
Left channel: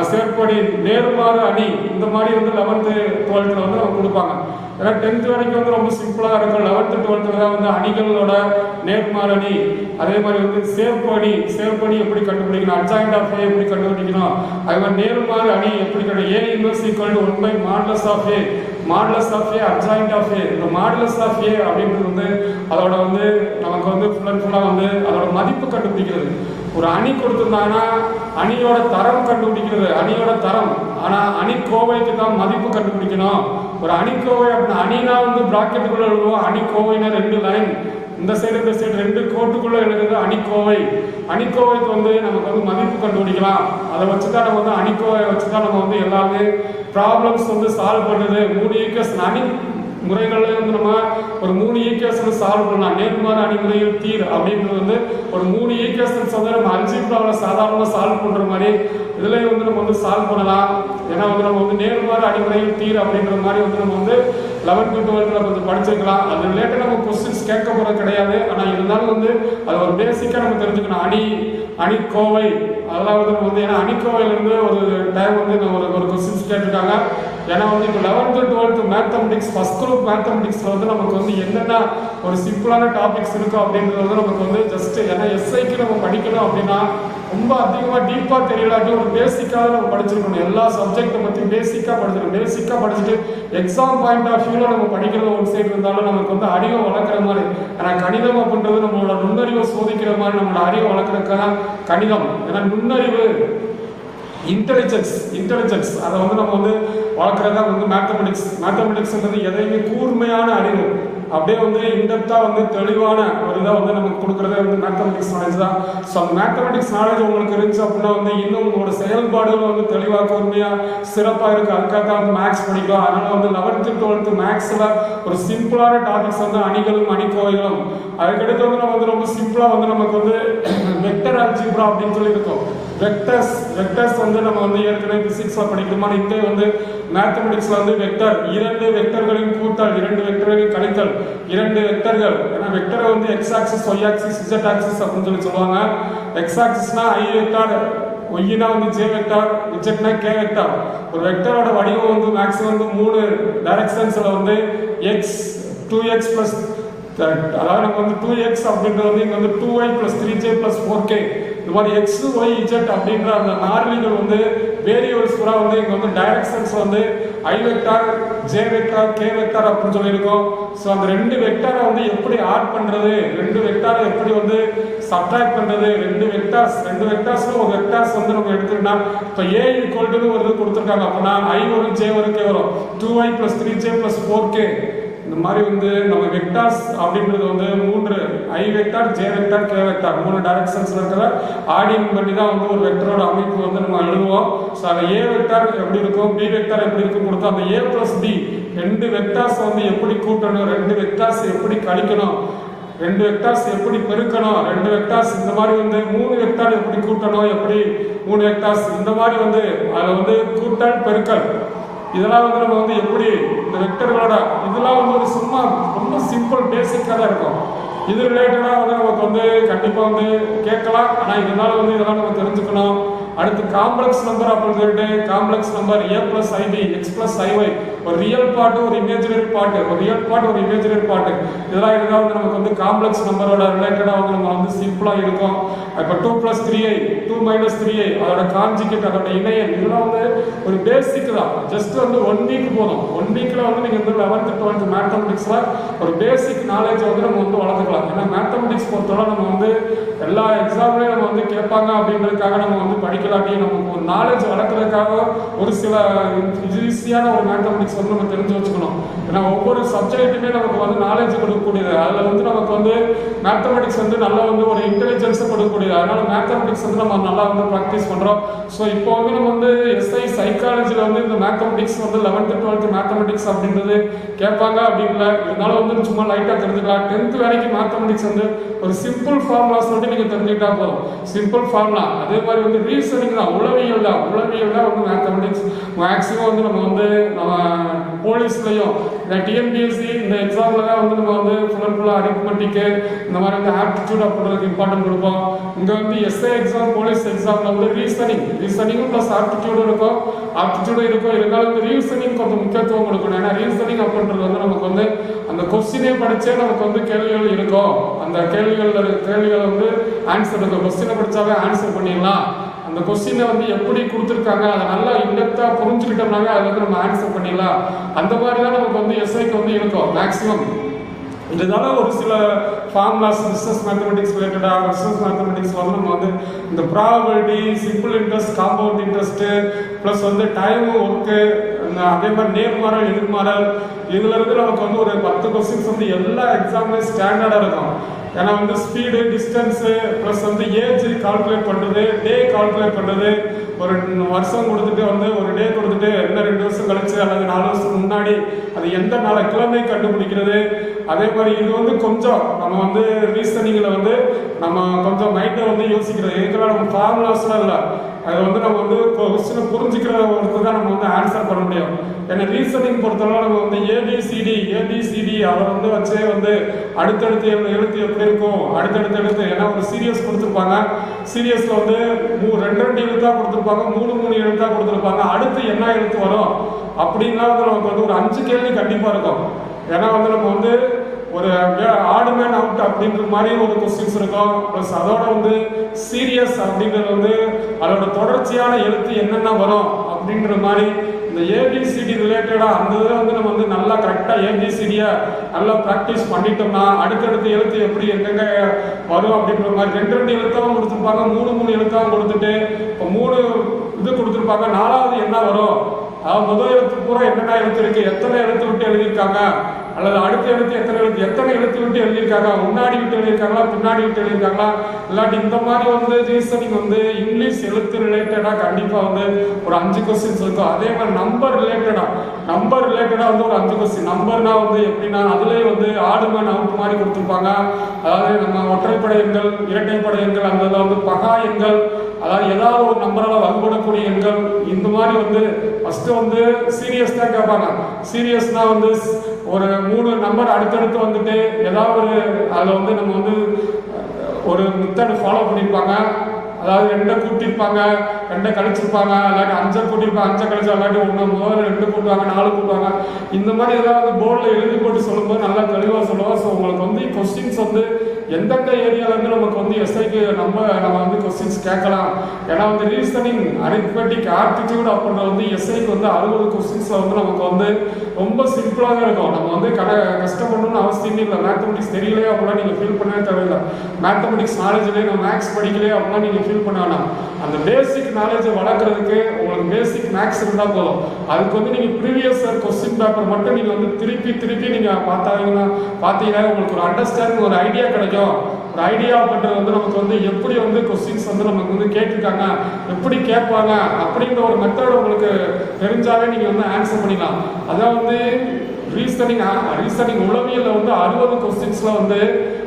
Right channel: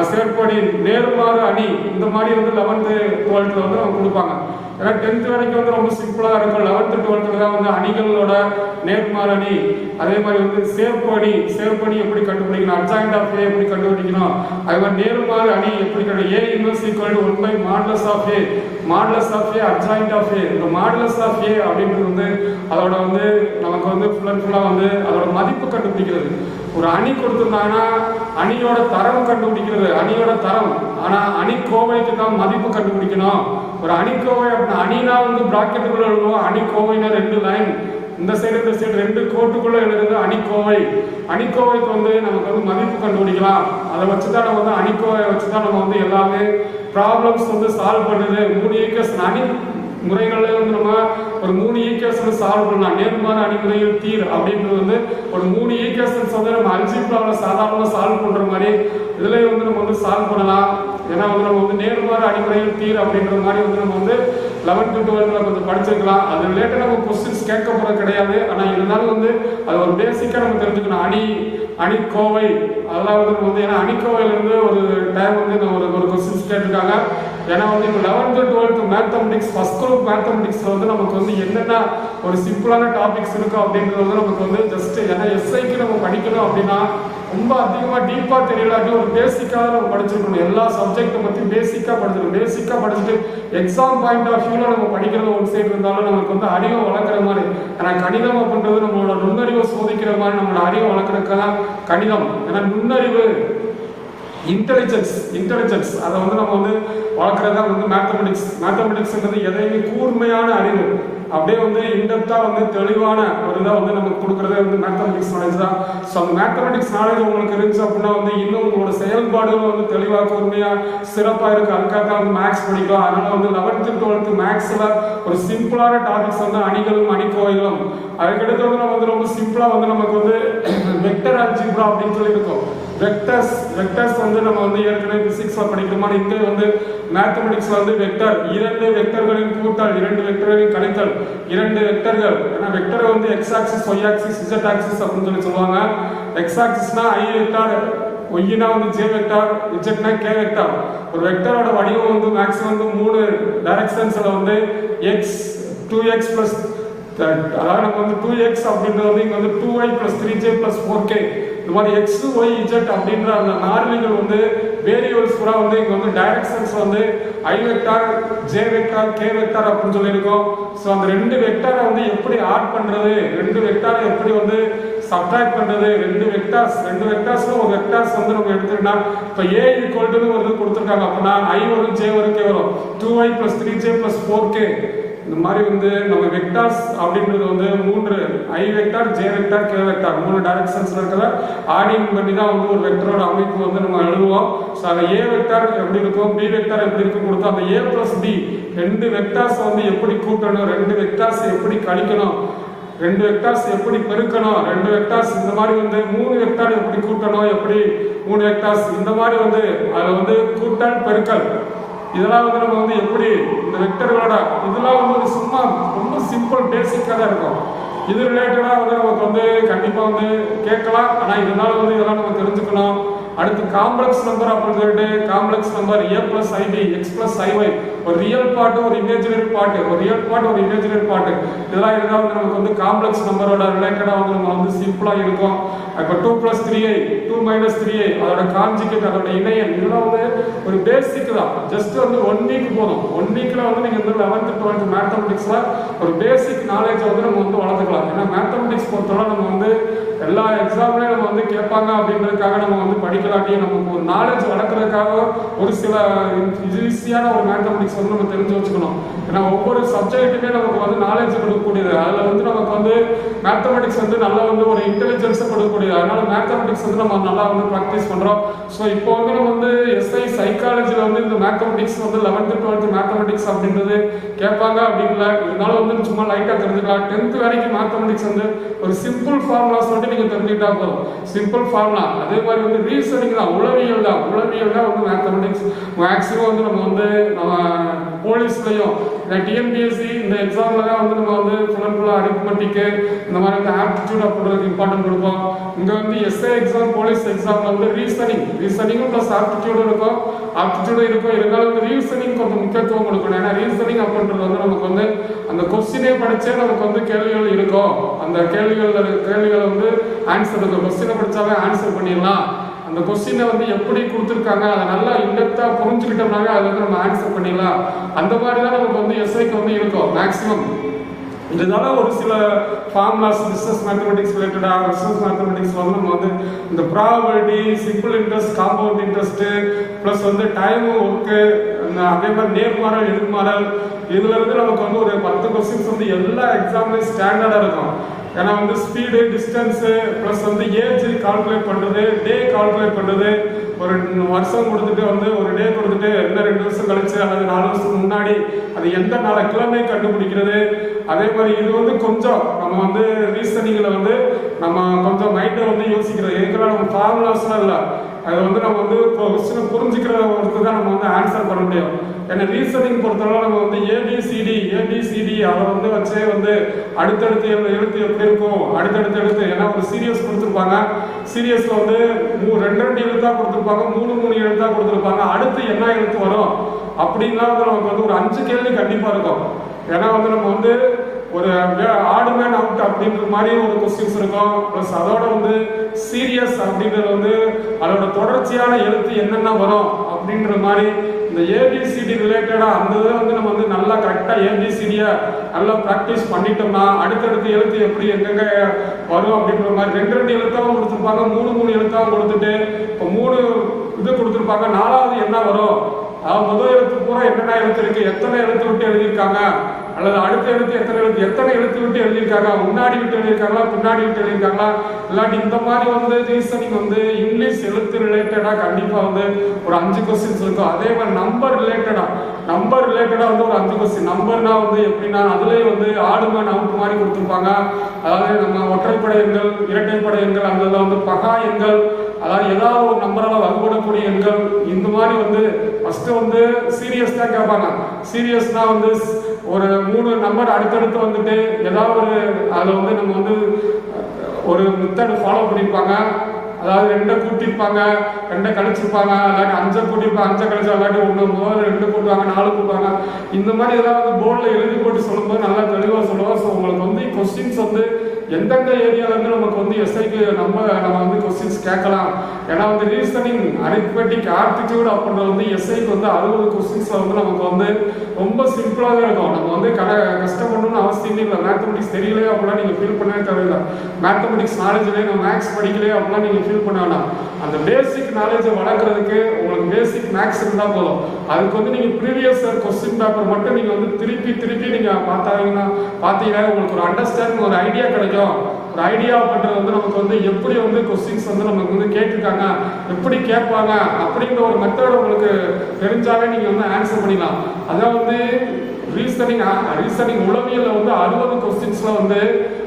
சேர்ப்பணி, நேர்மாறு அணி, இந்த மாதிரி வந்து 11th 12th வந்து நம்ம கொடுப்பாங்க. ஏன்னா 10th வரைக்கும் வந்து ரொம்ப சிம்பிளாக இருக்கும். 11th 12th தான் வந்து அணிகளோட நேர்மாறு அணி, அதே மாதிரி வந்து சேர்ப்பணி எப்படி கண்டுபிடிக்கணும், அட்ஜாயிண்ட் ஆஃப் ஏ எப்படி கண்டுபிடிக்கணும், அதே மாதிரி நேர்மாறு அணி எப்படி A inverse equal to 1 by modulus of A, adjoint of A. இந்த மாடுலஸ் ஆஃப் ஏ அப்படின்றது வந்து அதோட வந்து நமக்கு வந்து ஃபுல் அண்ட் ஃபுல்லாக வந்து அதோட மதிப்பு கண்டுபிடிக்கிறது. ஒரு அணி கொடுத்துருந்தாங்கன்னா அணியோட தரம் கண்டுபிடிக்கிறது, அணியோட தரம். ஆனால் அணிக்கோவைக்கு தான் மதிப்பு கண்டுபிடிக்கணும். ஒரு அணிக்கோவை அப்படின்னா அணினா வந்து பிராக்கெட்டுக்குள்ள எழுதுவோம், அணிக்கோவைனா 2 லைன், இந்த சைடு 2 கோட்டுக்குள்ள எழுதுறது அணிக்கோவை. அணிக்கோவைக்கு வந்து நமக்கு வந்து மதிப்பு கண்டுபிடிக்கலாம். அதை வச்சுதான் நம்ம வந்து அணிக்கோவை வச்சுதான் நம்ம வந்து எல்லாமே ப்ராப்ளம்ஸ் வந்து சால்வ் பண்ணுது. 3 ஈக்குவேஷன் அணி முறைகளில் வந்து நம்ம ஒரு 3 ஈக்குவேஷன் சால்வ் பண்ணலாம். நேர்மாறு அணிமுறையில் தீர் அப்படின்றது வந்து ஒரு 3 ஈக்குவேஷன்ஸ் வந்து நம்ம அல்ஜிப்ராவில் சாதாரணமாக சால்வ் பண்ணுற மாதிரி இதில் வந்து நம்ம வந்து சால்வ் பண்ணலாம். ஏன்னா வந்து நம்ம வந்து நேர்மாறு அணிமுறையில் தீர் அப்படின்ற மாதிரி வந்து நம்ம வந்து 11th 12th கொஞ்சம் படிச்சிருக்கலாம். அது ரிலேட்டட் நம்ம கொஸ்டின்ஸ் கேட்க போகிறது கிடையாது. ஆனால் இருந்தாலும் வந்து அது ஒரு பேசிக்காக நம்ம தெரிஞ்சுக்கணும். அணிக்கோவை அதெல்லாம் வந்து நம்ம வந்து, ஏன்னா அணிக்கோவையிலேருந்து ஒரு டைம் வந்து நான் ஒரு கொஸ்டின்ஸ் கேட்டிருக்காங்க. ஏன்னா வந்து இப்போ 11th 12th mathematics first group மேத்தமெட்டிக்ஸில் வந்து நமக்கு வந்து என்னென்ன ஒரு சிம்பிளான டாபிக்ஸ் இருக்கும் அப்படின்றது வந்து நமக்கு வந்து ஜஸ்ட், ஏன்னா எஸ்ஐக்கு நம்ம படிக்கணும் அப்படின்னா ரொம்ப அதிகமாக டீப்பாக தெரியலாட்டி ஒரு பேசிக்காக நம்ம படிச்சிருக்கணும். எல்லா சப்ஜெக்டை பற்றி பேசிக்காக படிச்சுட்டு எக்ஸாம் பாயிண்ட் ஆஃப் வியூவில் நம்ம படிக்கிறது ஒரு சைடு இருந்தாலும் நமக்கு வந்து அறிவை வளர்க்குற மாதிரி. ஏன்னா கணிதம் அப்படின்றது நம்மளோட நுண்ணறிவை சோதிக்கிற மாதிரி, நம்மளோட அறிவை வளர்க்குறதுக்கான கணிதம். ஏன்னா நுண்ணறிவு இன்டெலிஜென்ஸ் அதை வந்து நம்ம வந்து வளர்க்குறது தான் வந்து மேத்தமெட்டிக்ஸ்ன்றது எதையுமே கூர்மையான அறிவு. அப்படியே வந்து இன்டெப்த்தாக வந்து தெளிவான ஒரு இதை வந்து நமக்கு கொடுக்குறதே வந்து மேத்தமெட்டிக்ஸ் நாலேஜ் தான். ஸோ அந்த மேத்தமெட்டிக்ஸ் நாலேஜ் உங்களுக்கு இருந்துச்சு அப்படின்னா வந்து இன்னும் உங்களோட செயல்பாடுகள் வந்து தெளிவாக பொறுமையாக சிறப்பாக இருக்குது. அதுக்காக வந்து மேக்ஸ் படிக்கலாம். அதனால வந்து 11th 12th மேக்ஸில் ஒரு சிம்பிளான டாபிக்ஸ் வந்து அணிகளும் அணிக்கோவைகளும், அதுக்கடுத்து வந்து நம்ம வந்து ரொம்ப சிம்பிளாக வந்து நமக்கு வந்து வெக்டர் அல்ஜிப்ரா அப்படின்னு சொல்லி இருக்கும். வெக்டர்ஸ் வந்து நம்ம வந்து ஏற்கனவே பிசிக்ஸ்ல படிக்கிற மாதிரி இங்கே வந்து மேத்தமெட்டிக்ஸ்ல வந்து வெக்டர், 2 வெக்டர்களின் கூட்டல், 2 வெக்டர்களின் கழித்தல், 2 வெக்டர்கள். ஏன்னா வெக்டரை வந்து X axis, Y axis, Z axis அப்படின்னு சொல்லி சொல்லுவாங்க. எக்ஸ் ஆக்சிஸ்னா ஐ வெக்டார், ஒய்னா வந்து ஜே வெக்டார், இசட்னா கே வெக்டார். ஒரு வெக்டரோட வடிவம் வந்து மேக்ஸிமம் வந்து 3 டைரக்ஷன்ஸ்ல வந்து எக்ஸ் 2x பிளஸ், அதாவது நம்ம வந்து 2x அப்படின்றது வந்து இங்க வந்து 2y plus 3j plus 4k, இந்த மாதிரி எக்ஸ் ஒய் இஜெட் அப்படின்ற அந்த மாறிலிகள் வந்து வேரியபிள்ஸ் பூரா வந்து இங்க வந்து டைரக்ஷன்ஸ் வந்து I vector, J vector, K vector அப்படின்னு சொல்லியிருக்கோம். ஸோ அந்த 2 வெக்டாரை வந்து எப்படி ஆட் பண்றது, 2 வெக்டாரை எப்படி வந்து சப்ட்ராக்ட் பண்றது, 2 வெக்டார்ஸ்ல ஒரு வெக்டார்ஸ் வந்து நம்ம எடுத்துக்கிட்டா இப்போ ஏ ஈக்குவல்டுன்னு ஒரு கொடுத்துருக்காங்க அப்படின்னா ஐ வரும், ஜே வரும், கே வரும். 2y plus 3j plus 4k. இந்த மாதிரி வந்து நம்ம வெக்டார்ஸ் அப்படின்றது வந்து 3 I vector, J vector, K vector 3 டைரக்ஷன்ஸ்ல இருக்கிற ஆடிங் பண்ணி தான் வந்து ஒரு வெக்டரோட அமைப்பு வந்து நம்ம எழுதுவோம். ஸோ அந்த ஏ வெக்டார் எப்படி இருக்கும், பி வெக்டார் எப்படி இருக்கும் கொடுத்தோம். அந்த ஏ பிளஸ் பி 2 வெக்டார்ஸ் வந்து எப்படி கூட்டணும், 2 வெக்டார்ஸ் எப்படி கழிக்கணும், 2 வெக்டார்ஸ் எப்படி பெருக்கணும், 2 வெக்டார்ஸ் இந்த மாதிரி வந்து 3 வெக்டார் எப்படி கூட்டணும், எப்படி 3 வெக்டார்ஸ் இந்த மாதிரி வந்து அதில் வந்து கூட்டல் பெருக்கல் இதெல்லாம் வந்து நம்ம வந்து எப்படி இந்த வெக்டர்களோட இதெல்லாம் வந்து ஒரு சும்மா ரொம்ப சிம்பிள் பேசிக்காக தான் இருக்கும். இது ரிலேட்டடாக வந்து நமக்கு வந்து கண்டிப்பாக வந்து கேட்கலாம். ஆனால் இதனால வந்து இதெல்லாம் நம்ம தெரிஞ்சுக்கணும். அடுத்து காம்ப்ளெக்ஸ் நம்பர் அப்படின்னு சொல்லிட்டு காம்ப்ளெக்ஸ் நம்பர் ஏ பிளஸ் ஐபி, எக்ஸ் பிளஸ் ஐஒய், ஒரு ரியல் பார்ட், ஒரு இமேஜினரி பார்ட், ஒரு ரியல் பார்ட், ஒரு இமேஜினரி பார்ட், இதெல்லாம் இருந்தால் வந்து நமக்கு வந்து காம்ப்ளெக்ஸ் நம்பரோட ரிலேட்டடாக வந்து நம்ம வந்து சிம்பிளாக இருக்கும். இப்போ 2 + 3i, 2 - 3i, அதோட கான்ஜுகேட், அதோட இணையன், இதெல்லாம் வந்து ஒரு பேசிக் தான். ஜஸ்ட் வந்து 1 வீக் போதும். 1 வீக்ல வந்து நீங்கள் வந்து 11th 12th மேத்தமெட்டிக்ஸ்ல ஒரு பேசிக் நாலேஜ் வந்து நம்ம வந்து வளர்த்துக்கலாம். ஏன்னா மேத்தமெட்டிக்ஸ் பொறுத்தவரை நம்ம வந்து எல்லா எக்ஸாம்லேயும் நம்ம வந்து கேட்பாங்க அப்படின்றதுக்காக நம்ம வந்து படிக்கலாட்டியும் நமக்கு ஒரு நாலேஜ் வளர்க்குறதுக்காக ஒரு சில ஈஸியான ஒரு மேத்தமெட்டிக்ஸ் வந்து நம்ம தெரிஞ்சு வச்சுக்கணும். ஏன்னா ஒவ்வொரு சப்ஜெக்ட்டுமே நமக்கு வந்து நாலேஜ் கொடுக்கக்கூடியது. அதில் வந்து நமக்கு வந்து மேத்தமெட்டிக்ஸ் வந்து நல்லா வந்து ஒரு இன்டெலிஜென்ஸை கொடுக்கக்கூடியது. அதனால மேத்தமெட்டிக்ஸ் வந்து நம்ம நல்லா வந்து ப்ராக்டிஸ் பண்ணுறோம். ஸோ இப்போ வந்து நம்ம வந்து எஸ்ஐ சைக்காலஜியில் வந்து இந்த மேத்தமெட்டிக்ஸ் வந்து 11th 12th மேத்தமெட்டிக்ஸ் அப்படின்றது கேட்பாங்க அப்படின்ல. இதனால வந்து சும்மா லைட்டாக தெரிஞ்சுக்கலாம். 10th வரைக்கும் மேத்தமெட்டிக்ஸ் வந்து ஒரு சிம்பிள் ஃபார்முலாஸ் மட்டும் நீங்கள் தெரிஞ்சுக்கிட்டா போதும். Simple formula. அதே மாதிரி வந்து ரீசனிங் தான், உளவியல் தான் வந்து மேத்தமெட்டிக்ஸ். மேக்ஸிமம் வந்து நம்ம வந்து நம்ம போலீஸ்லையும் இந்த டிஎன்பிஎஸ்சி இந்த எக்ஸாம்ல தான் வந்து நம்ம வந்து ஃபுல்லாக அரித்மெட்டிக்கு இந்த மாதிரி வந்து ஆப்டிடியூட் அப்படின்றதுக்கு இம்பார்ட்டன்ட் கொடுப்போம். இங்கே வந்து எஸ்ஐ எக்ஸாம், போலீஸ் எக்ஸாம்ல வந்து ரீசனிங்கும் ப்ளஸ் ஆப்டிடியூடும் இருக்கும். இருந்தாலும் வந்து ரீசனிங் கொஞ்சம் முக்கியத்துவம் கொடுக்கணும். ஏன்னா ரீசனிங் அப்படின்றது வந்து நமக்கு வந்து அந்த கொஸ்டினே படிச்சே நமக்கு வந்து கேள்விகள் இருக்கும். அந்த கேள்விகள் வந்து ஆன்சர் இருக்கும். கொஸ்டினை படிச்சாவே ஆன்சர் பண்ணிடலாம். அந்த கொஸ்டினை வந்து எப்படி கொடுத்துருக்காங்க அதை நல்லா இன்டெப்தா புரிஞ்சுக்கிட்டோம்னாங்க அதை வந்து நம்ம ஆன்சர் பண்ணிடலாம். அந்த மாதிரி தான் நமக்கு வந்து எஸ்ஐக்கு வந்து இருக்கும் மேக்சிமம். இதனால ஒரு சில ஃபார்முலாஸ் பிஸ்னஸ் மேத்தமெட்டிக்ஸ் ரிலேட்டடாக பிஸ்னஸ் மேத்தமெட்டிக்ஸ் வந்து நம்ம வந்து இந்த probability, simple interest, compound interest, plus வந்து டைம் ஒர்க்கு, அதே மாதிரி நேர்மாறல், எதிர்மாறல், இதுல இருந்து நமக்கு வந்து ஒரு 10 கொஸ்டின்ஸ் வந்து எல்லா எக்ஸாம்லையும் ஸ்டாண்டர்டாக இருக்கும். ஏன்னா வந்து ஸ்பீடு, டிஸ்டன்ஸு, ப்ளஸ் வந்து ஏஜ் கால்குலேட் பண்ணுறது, டே கால்குலேட் பண்ணுறது, ஒரு வருஷம் கொடுத்துட்டு வந்து ஒரு டே கொடுத்துட்டு என்ன 2 வருஷம் கழிச்சு அல்லது 4 வருஷத்துக்கு முன்னாடி அது எந்த நாளை கிழமை கண்டுபிடிக்கிறது. அதே மாதிரி இது வந்து கொஞ்சம் நம்ம வந்து ரீசனிங்கில் வந்து நம்ம கொஞ்சம் மைண்டை வந்து யோசிக்கிறது. இதுக்கெல்லாம் நம்ம ஃபார்முலாஸ்லாம் இல்லை. அதை வந்து நம்ம வந்து கொஸ்டினை புரிஞ்சுக்கிற ஒருத்தர் தான் நம்ம வந்து ஆன்சர் பண்ண முடியும். ஏன்னா ரீசனிங் பொறுத்தவரை நம்ம வந்து ஏபிசிடி அதை வந்து வச்சே வந்து அடுத்தடுத்து எழுத்து எப்படி இருக்கும், அடுத்தடுத்து ஏன்னா ஒரு சீரியஸ் கொடுத்துருப்பாங்க. சீரியஸ்ல வந்து 2 எழுத்தா கொடுத்துருப்பாங்க, 3 எழுத்தா கொடுத்துருப்பாங்க. அடுத்து என்ன எழுத்து வரும் அப்படின்னா வந்து நமக்கு வந்து ஒரு 5 கேள்வி கண்டிப்பா இருக்கும். ஏன்னா வந்து நம்ம வந்து ஒரு ஆடு மேன் அவுட் அப்படின்ற மாதிரி ஒரு கொஸ்டின்ஸ் இருக்கும். ப்ளஸ் அதோட வந்து சீரியஸ் அப்படின்றது வந்து அதோட தொடர்ச்சியான எழுத்து என்னென்ன வரும் அப்படின்ற மாதிரி இந்த ஏபிசிடி ரிலேட்டடா அந்த இதில் வந்து நம்ம வந்து நல்லா கரெக்டாக ஏபிசிடியை நல்லா ப்ராக்டிஸ் பண்ணிட்டோம்னா அடுத்தடுத்து எழுத்து எப்படி எங்கெங்க வரும் அப்படின்ற மாதிரி 2 எழுத்தாவும் கொடுத்துருப்பாங்க, 3 எழுத்தாவும் கொடுத்துட்டு இப்போ 3 இது கொடுத்துருப்பாங்க. 4வது என்ன வரும், முதல் எழுத்து பூரா என்னென்ன எழுத்து இருக்கு, எத்தனை எழுத்து விட்டு எழுதியிருக்காங்க, அல்லது அடுத்த எழுத்து எத்தனை எழுத்து விட்டு எழுதியிருக்காங்க, முன்னாடி விட்டு எழுதியிருக்காங்களா, பின்னாடி விட்டு எழுதியிருக்காங்களா, இல்லாட்டி இந்த மாதிரி வந்து ரீசனிங் வந்து இங்கிலீஷ் எழுத்து ரிலேட்டடா கண்டிப்பா வந்து ஒரு 5 கொஸ்டின்ஸ் இருக்கும். அதே மாதிரி நம்பர் ரிலேட்டடா வந்து ஒரு 5 கொஸ்டின். நம்பர்னா வந்து எப்படின்னா அதுலேயே வந்து ஆடுமன் அவுட் மாதிரி கொடுத்துருப்பாங்க. அதாவது நம்ம ஒற்றைப்படை எண்கள், இரட்டைப்படை எண்கள், அந்த வந்து பகா எண்கள், அதாவது ஏதாவது ஒரு நம்பரால் வலுப்படக்கூடிய எண்கள், இந்த மாதிரி வந்து ஃபர்ஸ்ட் வந்து சீரியஸ் தான் கேட்பாங்க. சீரியஸ்னா வந்து ஒரு 3 நம்பர் அடுத்தடுத்து வந்துட்டு ஏதாவது ஒரு அதில் வந்து நம்ம வந்து ஒரு மெத்தட் ஃபாலோ பண்ணியிருப்பாங்க. அதாவது 2 கூட்டியிருப்பாங்க, 2 கழிச்சிருப்பாங்க, இல்லாட்டி 5 கூட்டியிருப்பாங்க, 5 கழிச்சு, இல்லாட்டி 1 2 கூட்டுவாங்க, 4 கூட்டுவாங்க. இந்த மாதிரி ஏதாவது போர்டில் எழுதி போட்டு சொல்லும்போது நல்லா தெளிவாக சொல்லுவோம். ஸோ உங்களுக்கு வந்து கொஸ்டின்ஸ் வந்து எந்தெந்த ஏரியால இருந்து நமக்கு வந்து எஸ்ஐக்கு நம்ம வந்து கொஸ்டின்ஸ் கேட்கலாம். ஏன்னா வந்து ரீசனிங், அரித்மெட்டிக், ஆப்டிடியூட் அப்படின்றது வந்து எஸ்ஐக்கு வந்து 60 கொஸ்டின்ஸ்ல வந்து நமக்கு வந்து ரொம்ப சிம்பிளாக இருக்கும். நம்ம வந்து கஷ்டப்படணும்னு அவசியமே இல்லை. மேத்தமெட்டிக்ஸ் தெரியலையே அப்படிலாம் நீங்க ஃபீல் பண்ணவே தேவையில்லை. மேத்தமெட்டிக்ஸ் நாலேஜ்லேயே நான் மேக்ஸ் படிக்கலையே அப்படிலாம் நீங்க ஃபீல் பண்ண வேணாம். அந்த பேசிக் நாலேஜை வளர்க்கறதுக்கு உங்களுக்கு பேசிக் மேக்ஸ் இருந்தால் போதும். அதுக்கு வந்து நீங்க ப்ரீவியஸ் கொஸ்டின் பேப்பர் மட்டும் நீங்க வந்து திருப்பி நீங்க பார்த்தீங்கன்னா உங்களுக்கு ஒரு அண்டர்ஸ்டாண்டிங், ஒரு ஐடியா கிடைக்கும். ஒரு ஐடியா பண்றது வந்து நமக்கு வந்து எப்படி வந்து கொஸ்டின்ஸ் வந்து நமக்கு வந்து கேட்டிருக்காங்க, எப்படி கேட்பாங்க அப்படிங்கிற ஒரு மெத்தட் உங்களுக்கு தெரிஞ்சாவே நீங்க வந்து ஆன்சர் பண்ணிக்கலாம். அதான் வந்து ரீசனிங் உளவியல்ல வந்து 60 கொஸ்டின்ஸ்ல வந்து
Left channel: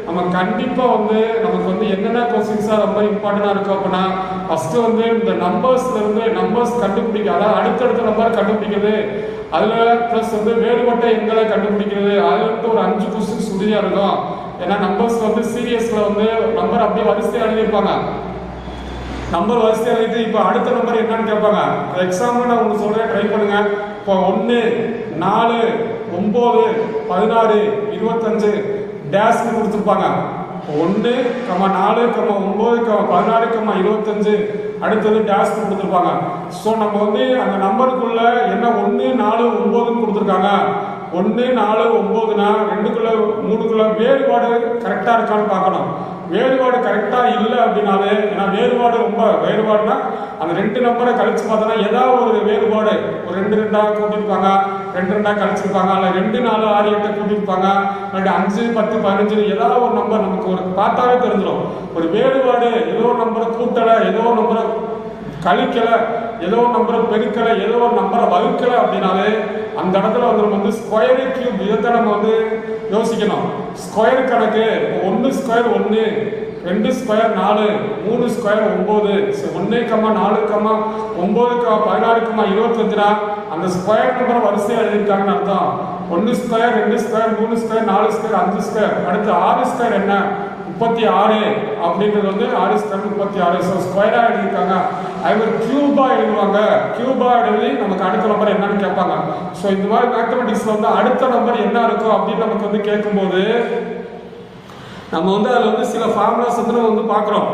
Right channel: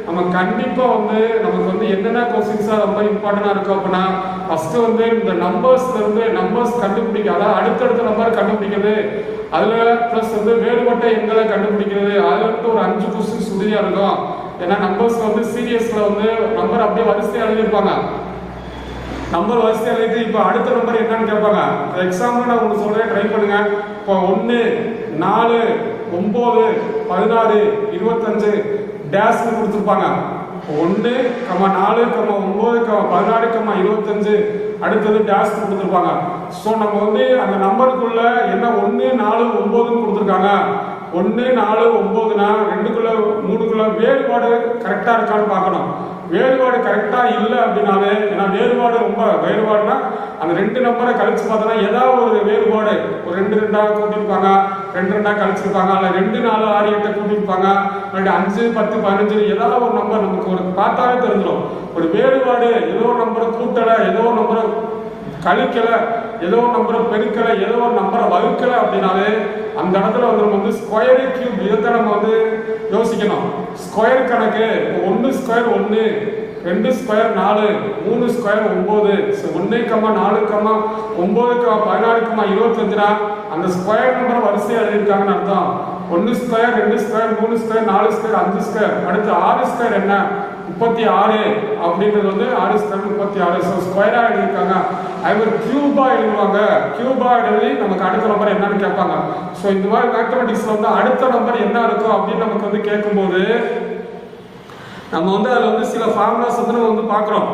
நம்ம கண்டிப்பா வந்து நமக்கு வந்து என்னென்ன கொஸ்டின்ஸா ரொம்ப இம்பார்ட்டன்டா இருக்கு அப்படின்னா, ஃபர்ஸ்ட் வந்து இந்த நம்பர்ஸ் கண்டுபிடிக்க, அதாவது அடுத்தடுத்த நம்பர் கண்டுபிடிக்கிறது, அதுல பிளஸ் வந்து வேறுபட்ட எண்களை கண்டுபிடிக்கிறது, அதுல இருந்து ஒரு 5 கொஸ்டின்ஸ் உறுதியா இருக்கும். ஏன்னா நம்பர்ஸ் வந்து சீரியஸ்ல வந்து நம்பர் அப்படியே வரிசையா எழுதியிருப்பாங்க. நம்பர் வரிசையா எழுதி இப்போ அடுத்த நம்பர் என்னன்னு கேட்பாங்க. எக்ஸாம்பிள் நான் உங்களுக்கு சொல்றேன், ட்ரை பண்ணுங்க. இப்போ 1, 4, 9, 16, 25 டேஷ்னு கொடுத்துருப்பாங்க. 1, 4, 9, 16, 25 அடுத்தது டேஷ் கொடுத்துருப்பாங்க. ஸோ நம்ம வந்து அந்த நம்பருக்குள்ள என்ன 1, 4, 9ன்னு கொடுத்துருக்காங்க. 1, 4, 9னா 2க்குள்ள 3க்குள்ள வேறுபாடு கரெக்டா இருக்கான்னு பார்க்கணும். வேறுபாடு கரெக்டா இல்லை அப்படின்னாலே, ஏன்னா வேறுபாடுனா அந்த 2 நம்பரை கழிச்சு பார்த்தோன்னா ஏதாவது ஒரு வேறுபாடு, ஒரு 2 2 கூட்டியிருப்பாங்க, 2 2 கழிச்சிருப்பாங்க, அல்ல 2 4 6 8 கூட்டியிருப்பாங்க, 5 10 15 ஏதாவது ஒரு நம்பர் நமக்கு ஒரு பார்த்தாலே தெரிஞ்சிடும். ஒரு வேறுபாடு, ஏதோ ஒரு நம்பரை கூட்டலை, ஏதோ ஒரு நம்பரை கழிக்கலை, ஏதோ ஒரு நம்பரை பெருக்கலை, ஏதோ ஒரு நம்பரை வகுக்கலை அப்படின்னாலே அந்த இடத்துல வந்து நம்ம வந்து ஸ்கொயர் கியூப் இதை நம்ம வந்து யோசிக்கணும். ஸ்கொயர் கணக்கு 1 ஸ்கொயர் 1, 2 ஸ்கொயர் 4, 3 ஸ்கொயர் 9, 1, 4, 9, 16, 25னா அந்த ஸ்கொயர் நம்பர் வரிசையா எழுதியிருக்காங்கன்னு அர்த்தம். 1 square 2 square 3 square 4 square 5 square, அடுத்து 6 ஸ்கொயர் என்ன 36 அப்படின்றது வந்து 6 ஸ்கொயர் 36. ஸோ ஸ்கொயரா எழுதியிருக்காங்க. அது கியூபா எழுதுவாங்க. கியூபா எழுதி நமக்கு அடுத்த நம்பர் என்னன்னு கேட்பாங்க. ஸோ இந்த மாதிரி மேத்தமெட்டிக்ஸ்ல வந்து அடுத்த நம்பர் என்ன இருக்கும் அப்படின்னு நமக்கு வந்து கேட்கும்போது நம்ம வந்து அதில் வந்து சில ஃபார்முலாஸ் வந்து நம்ம வந்து பார்க்குறோம்.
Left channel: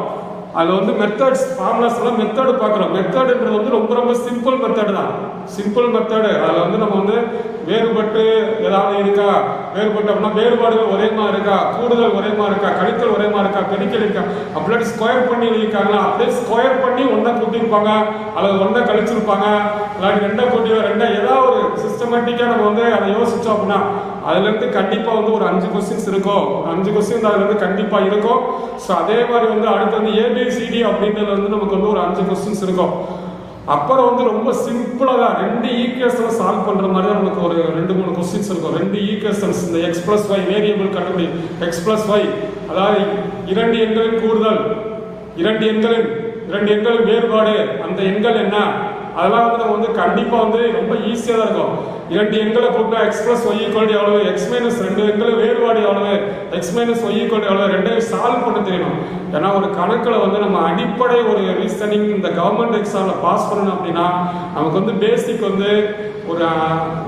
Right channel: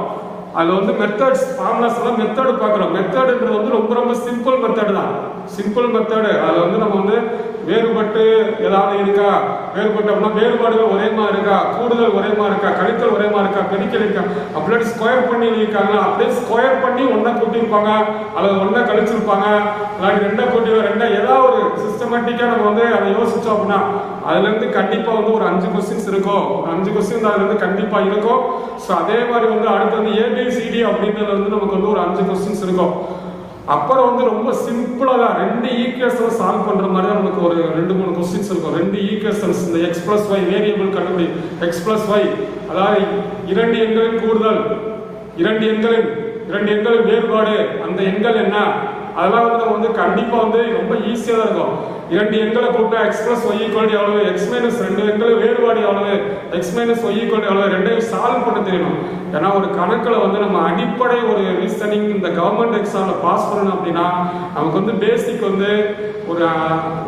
அதில் வந்து மெத்தட்ஸ், ஃபார்முலாஸ்லாம் மெத்தடு பார்க்குறோம். மெத்தடுன்றது வந்து ரொம்ப சிம்பிள் மெத்தடு தான். Simple method. அதில் வந்து நம்ம வந்து வேறுபட்டு ஏதாவது இருக்கா, வேறுபட்டு அப்படின்னா வேறுபாடுகள் ஒரே மாதிரி இருக்கா, கூடுதல் ஒரே மாதிரி இருக்கா, கழித்தல் ஒரே மாதிரி இருக்கா, பெருக்கல் இருக்கா, அப்படியே ஸ்கொயர் பண்ணி எழுதியிருக்காங்களா, அப்படியே ஸ்கொயர் பண்ணி 1 கூட்டியிருப்பாங்க, அல்லது 1 கழிச்சிருப்பாங்க, இல்லாட்டி 2 கூட்டி 2 ஏதாவது ஒரு சிஸ்டமேட்டிக்காக நம்ம வந்து அதை யோசிச்சோம் அப்படின்னா அதுலேருந்து கண்டிப்பாக வந்து ஒரு 5 கொஸ்டின்ஸ் இருக்கும். 5 கொஸ்டின் அதுலேருந்து கண்டிப்பாக இருக்கும். ஸோ அதே மாதிரி வந்து அடுத்து வந்து ABCD அப்படின்றது வந்து நமக்கு வந்து ஒரு 5 கொஸ்டின்ஸ் இருக்கும். அப்புறம் வந்து ரொம்ப சிம்பிளா தான் 2 ஈக்குவேஷனை சால்வ் பண்ற மாதிரி தான் நமக்கு ஒரு 2-3 கொஸ்டின்ஸ் இருக்கும். 2 ஈக்குவேஷன்ஸ், இந்த x+y வேரியபிள் கண்டுபிடி, x+y அதாவது 2 எண்களின் கூடுதல், 2 எண்களின் வேறுபாடு, அந்த எண்கள் என்ன, அதெல்லாம் வந்து நம்ம வந்து கண்டிப்பா வந்து ரொம்ப ஈஸியா தான் இருக்கும். 2 எண்களை கூட்டா x+y எவ்வளவு, x - 2 எண்கள் வேறுபாடு எவ்வளவு, x - y எவ்வளவு, 2ஐயும் சால்வ் பண்ண தெரியணும். ஏன்னா ஒரு கணக்கில் வந்து நம்ம அடிப்படை ஒரு ரீசனிங் இந்த கவர்மெண்ட் எக்ஸாம்ல பாஸ் பண்ணணும் அப்படின்னா நமக்கு வந்து பேசிக் வந்து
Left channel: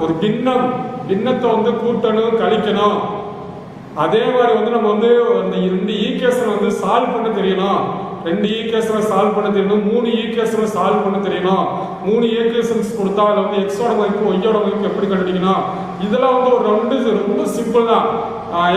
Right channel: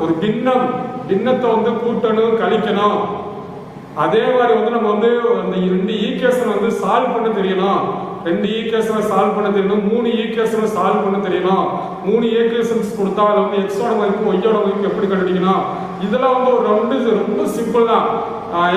ஒரு பின்னத்தை வந்து கூட்டணும், கழிக்கணும். அதே மாதிரி வந்து நம்ம வந்து அந்த 2 ஈக்குவேஷனை வந்து சால்வ் பண்ண தெரியணும். 2 ஈக்குவேஷனை சால்வ் பண்ண தெரியணும், 3 ஈக்குவேஷனை சால்வ் பண்ண தெரியணும். 3 ஈக்குவேஷன்ஸ் கொடுத்தா அதில் வந்து எக்ஸோட மதிப்பு ஒய்யோட மதிப்பு எப்படி கண்டுபிடிக்கணும், இதெல்லாம் வந்து ஒரு ரொம்ப சிம்பிள் தான்.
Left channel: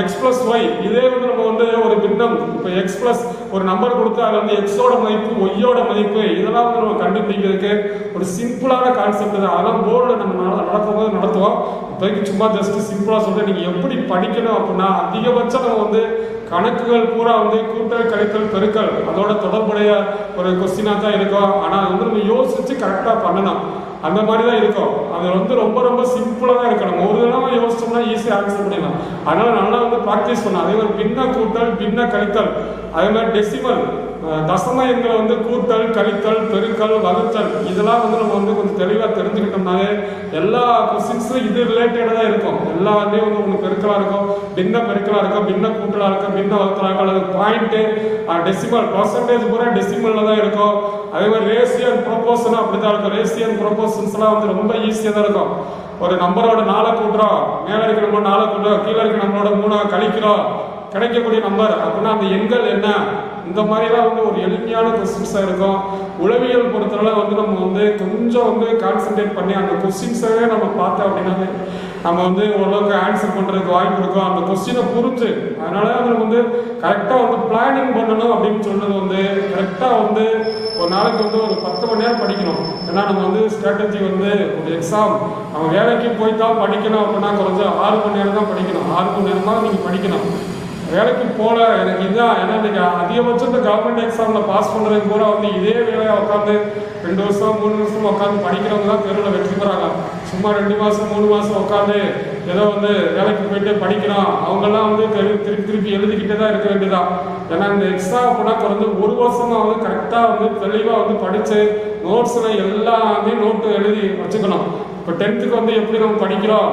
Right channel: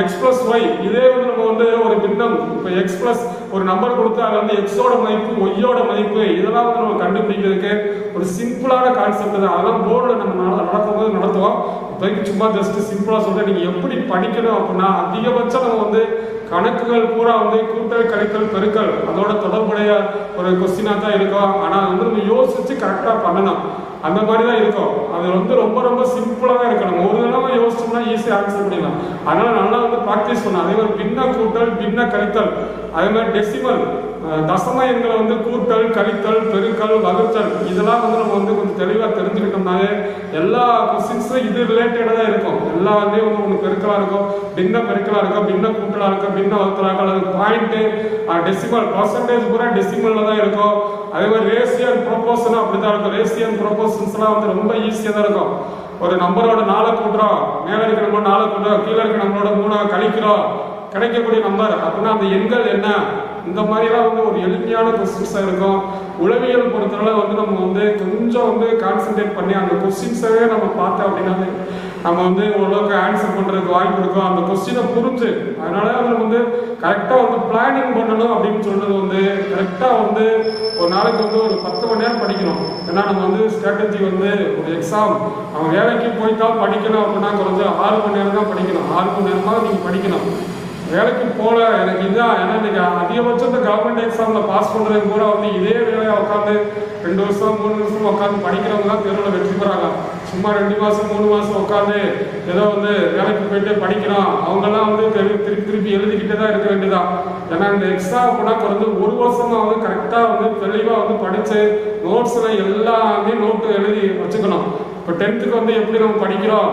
எக்ஸ் பிளஸ் ஒய், இதே வந்து நம்ம வந்து ஒரு பின்னம், இப்போ எக்ஸ் பிளஸ் ஒரு நம்பர் கொடுத்து அதில் வந்து எக்ஸோட மதிப்பு ஒய்யோட மதிப்பு இதெல்லாம் வந்து நம்ம கண்டுபிடிக்கிறதுக்கு ஒரு சிம்பிளான கான்செப்ட் தான். அதெல்லாம் போர்டில் நம்ம நடக்கும்போது நடத்துவோம். இப்போதைக்கு சும்மா ஜஸ்ட் சிம்பிளாக சொல்கிறேன். நீங்கள் எப்படி படிக்கணும் அப்படின்னா, அதிகபட்சம் நம்ம வந்து கணக்குகள் பூரா வந்து கூட்டல் கழித்தல் பெருக்கல் அதோட தொடர்புடைய ஒரு கொஸ்டினாக தான் இருக்கும். ஆனால் அது வந்து நம்ம யோசிச்சு கரெக்டாக பண்ணணும். அந்த மாதிரி தான் இருக்கும். அது வந்து ரொம்ப ரொம்ப சிம்பிளாக தான் இருக்கணும். ஒரு தடவை யோசிச்சோம்னா ஈஸியாக ஆன்சர் பண்ணிடலாம். அதனால நல்லா வந்து ப்ராக்டிஸ் பண்ணலாம். அதே மாதிரி பின்ன கூட்டல் பின்ன கழித்தல், அதே மாதிரி டெசிமல் தசம எண்களை வந்து கூட்டல் கழித்தல் பெருக்கல் வகுத்தல் இதெல்லாம் வந்து நம்ம வந்து கொஞ்சம் தெளிவாக தெரிஞ்சுக்கிட்டோம்னாலே எல்லா கொஸ்டின்ஸும் இது ரிலேட்டடாக தான் இருக்கும். எல்லாமே வந்து உங்களுக்கு பெருக்கலாக இருக்கும், பின்ன பெருக்கலாக இருக்கும், பின்ன கூட்டலாக இருக்கும், பின்ன வகுத்தலாக அல்லது பாயிண்ட்டு டெசிமல் பர்சன்டேஜ் பூரா டெசிமலில் தான் இருக்கும். அதே மாதிரி ரேசியன் ப்ரொபோஷனும் அப்படி தான் இருக்கும். ரேசியன் ப்ரொபோஷன்ஸ்லாம் வந்து ரொம்ப ஈஸியாக தான் இருக்கும். ஒரு நம்பரோட 4 கூட்டுறோம், மேலே இருக்கிற நம்பர் 4 கூட்டுறோம், கீழே இருக்கிற நம்பரோட 3 கழிக்கிறோம், கிடைக்கக்கூடிய நம்பர் அப்படின்னா அந்த எண்கள் என்ன, இந்த மாதிரிலாம் வந்து ஒரு எளிமையான கொஸ்டின்ஸாக இருக்கும். உளவியல் பொறுத்தவரை வந்து நம்ம வந்து கொஞ்சம் வந்து கான்சென்ட்ரேட் பண்ணி அந்த கொஸ்டின்ஸவே நம்ம பார்த்தோம் அப்படின்னா நம்ம வந்து ஓரளவுக்கு ஆன்சர் பண்ணுறதுக்கு வாய்ப்பு இருக்கும். அந்த கொஸ்டினை புரிஞ்சு அதனால நம்ம வந்து கரெக்டாக வந்து பிளானிங் பண்ணணும் அப்படின்னு சொல்றது வந்து கரெக்டாக வந்து ஒரு நாளைக்கு வந்து ஒரு 10 மணி நேரம் படிக்கணும். ஏன்னா நம்ம வந்து ஸ்ட்ராட்டஜி வந்து ஒரு எக்ஸாம் நம்ம வேலைக்கு போயிட்டால் படிக்கணும் அப்படின்னா கொஞ்சம் 6 மணி நேரம் தான் படிக்கணும். 6 மணி நேரமாக நீங்கள் படிக்கணும். வேலைக்கு போல எனக்கு இதுதான். ஏன்னா இன்னைக்கு அதிகபட்சம் இந்த கவர்மெண்ட் எக்ஸாம்ல பாஸ் பண்றதுக்கு கூட வந்து இதே வேலையை உட்காந்து 2 வருஷம் 3 வருஷம் உட்காந்து படிக்கிறவங்க தான் தேர்வில் வெற்றி பெறாங்க. சும்மா 2 மாசம் 3 மாசம் உட்காந்து ஏதோ வந்து வேலைக்கு போயிட்டு படிக்கிறோம் அவங்கெல்லாம் வந்து திருப்பி எழுதிக்கிட்டே தான் இருக்க வேண்டியதான். ஏன்னா இந்த எக்ஸாம் அப்படின்னா குறைஞ்சு 1 வருஷமா வந்து கரெக்டாக வந்து தெளிவாக வந்து படிச்சு நோட்ஸ்ல எல்லாமே நோட்டு எழுதி வச்சுக்கணும். இப்போ 10th வந்து எப்படி நம்ம படிக்கிறோம்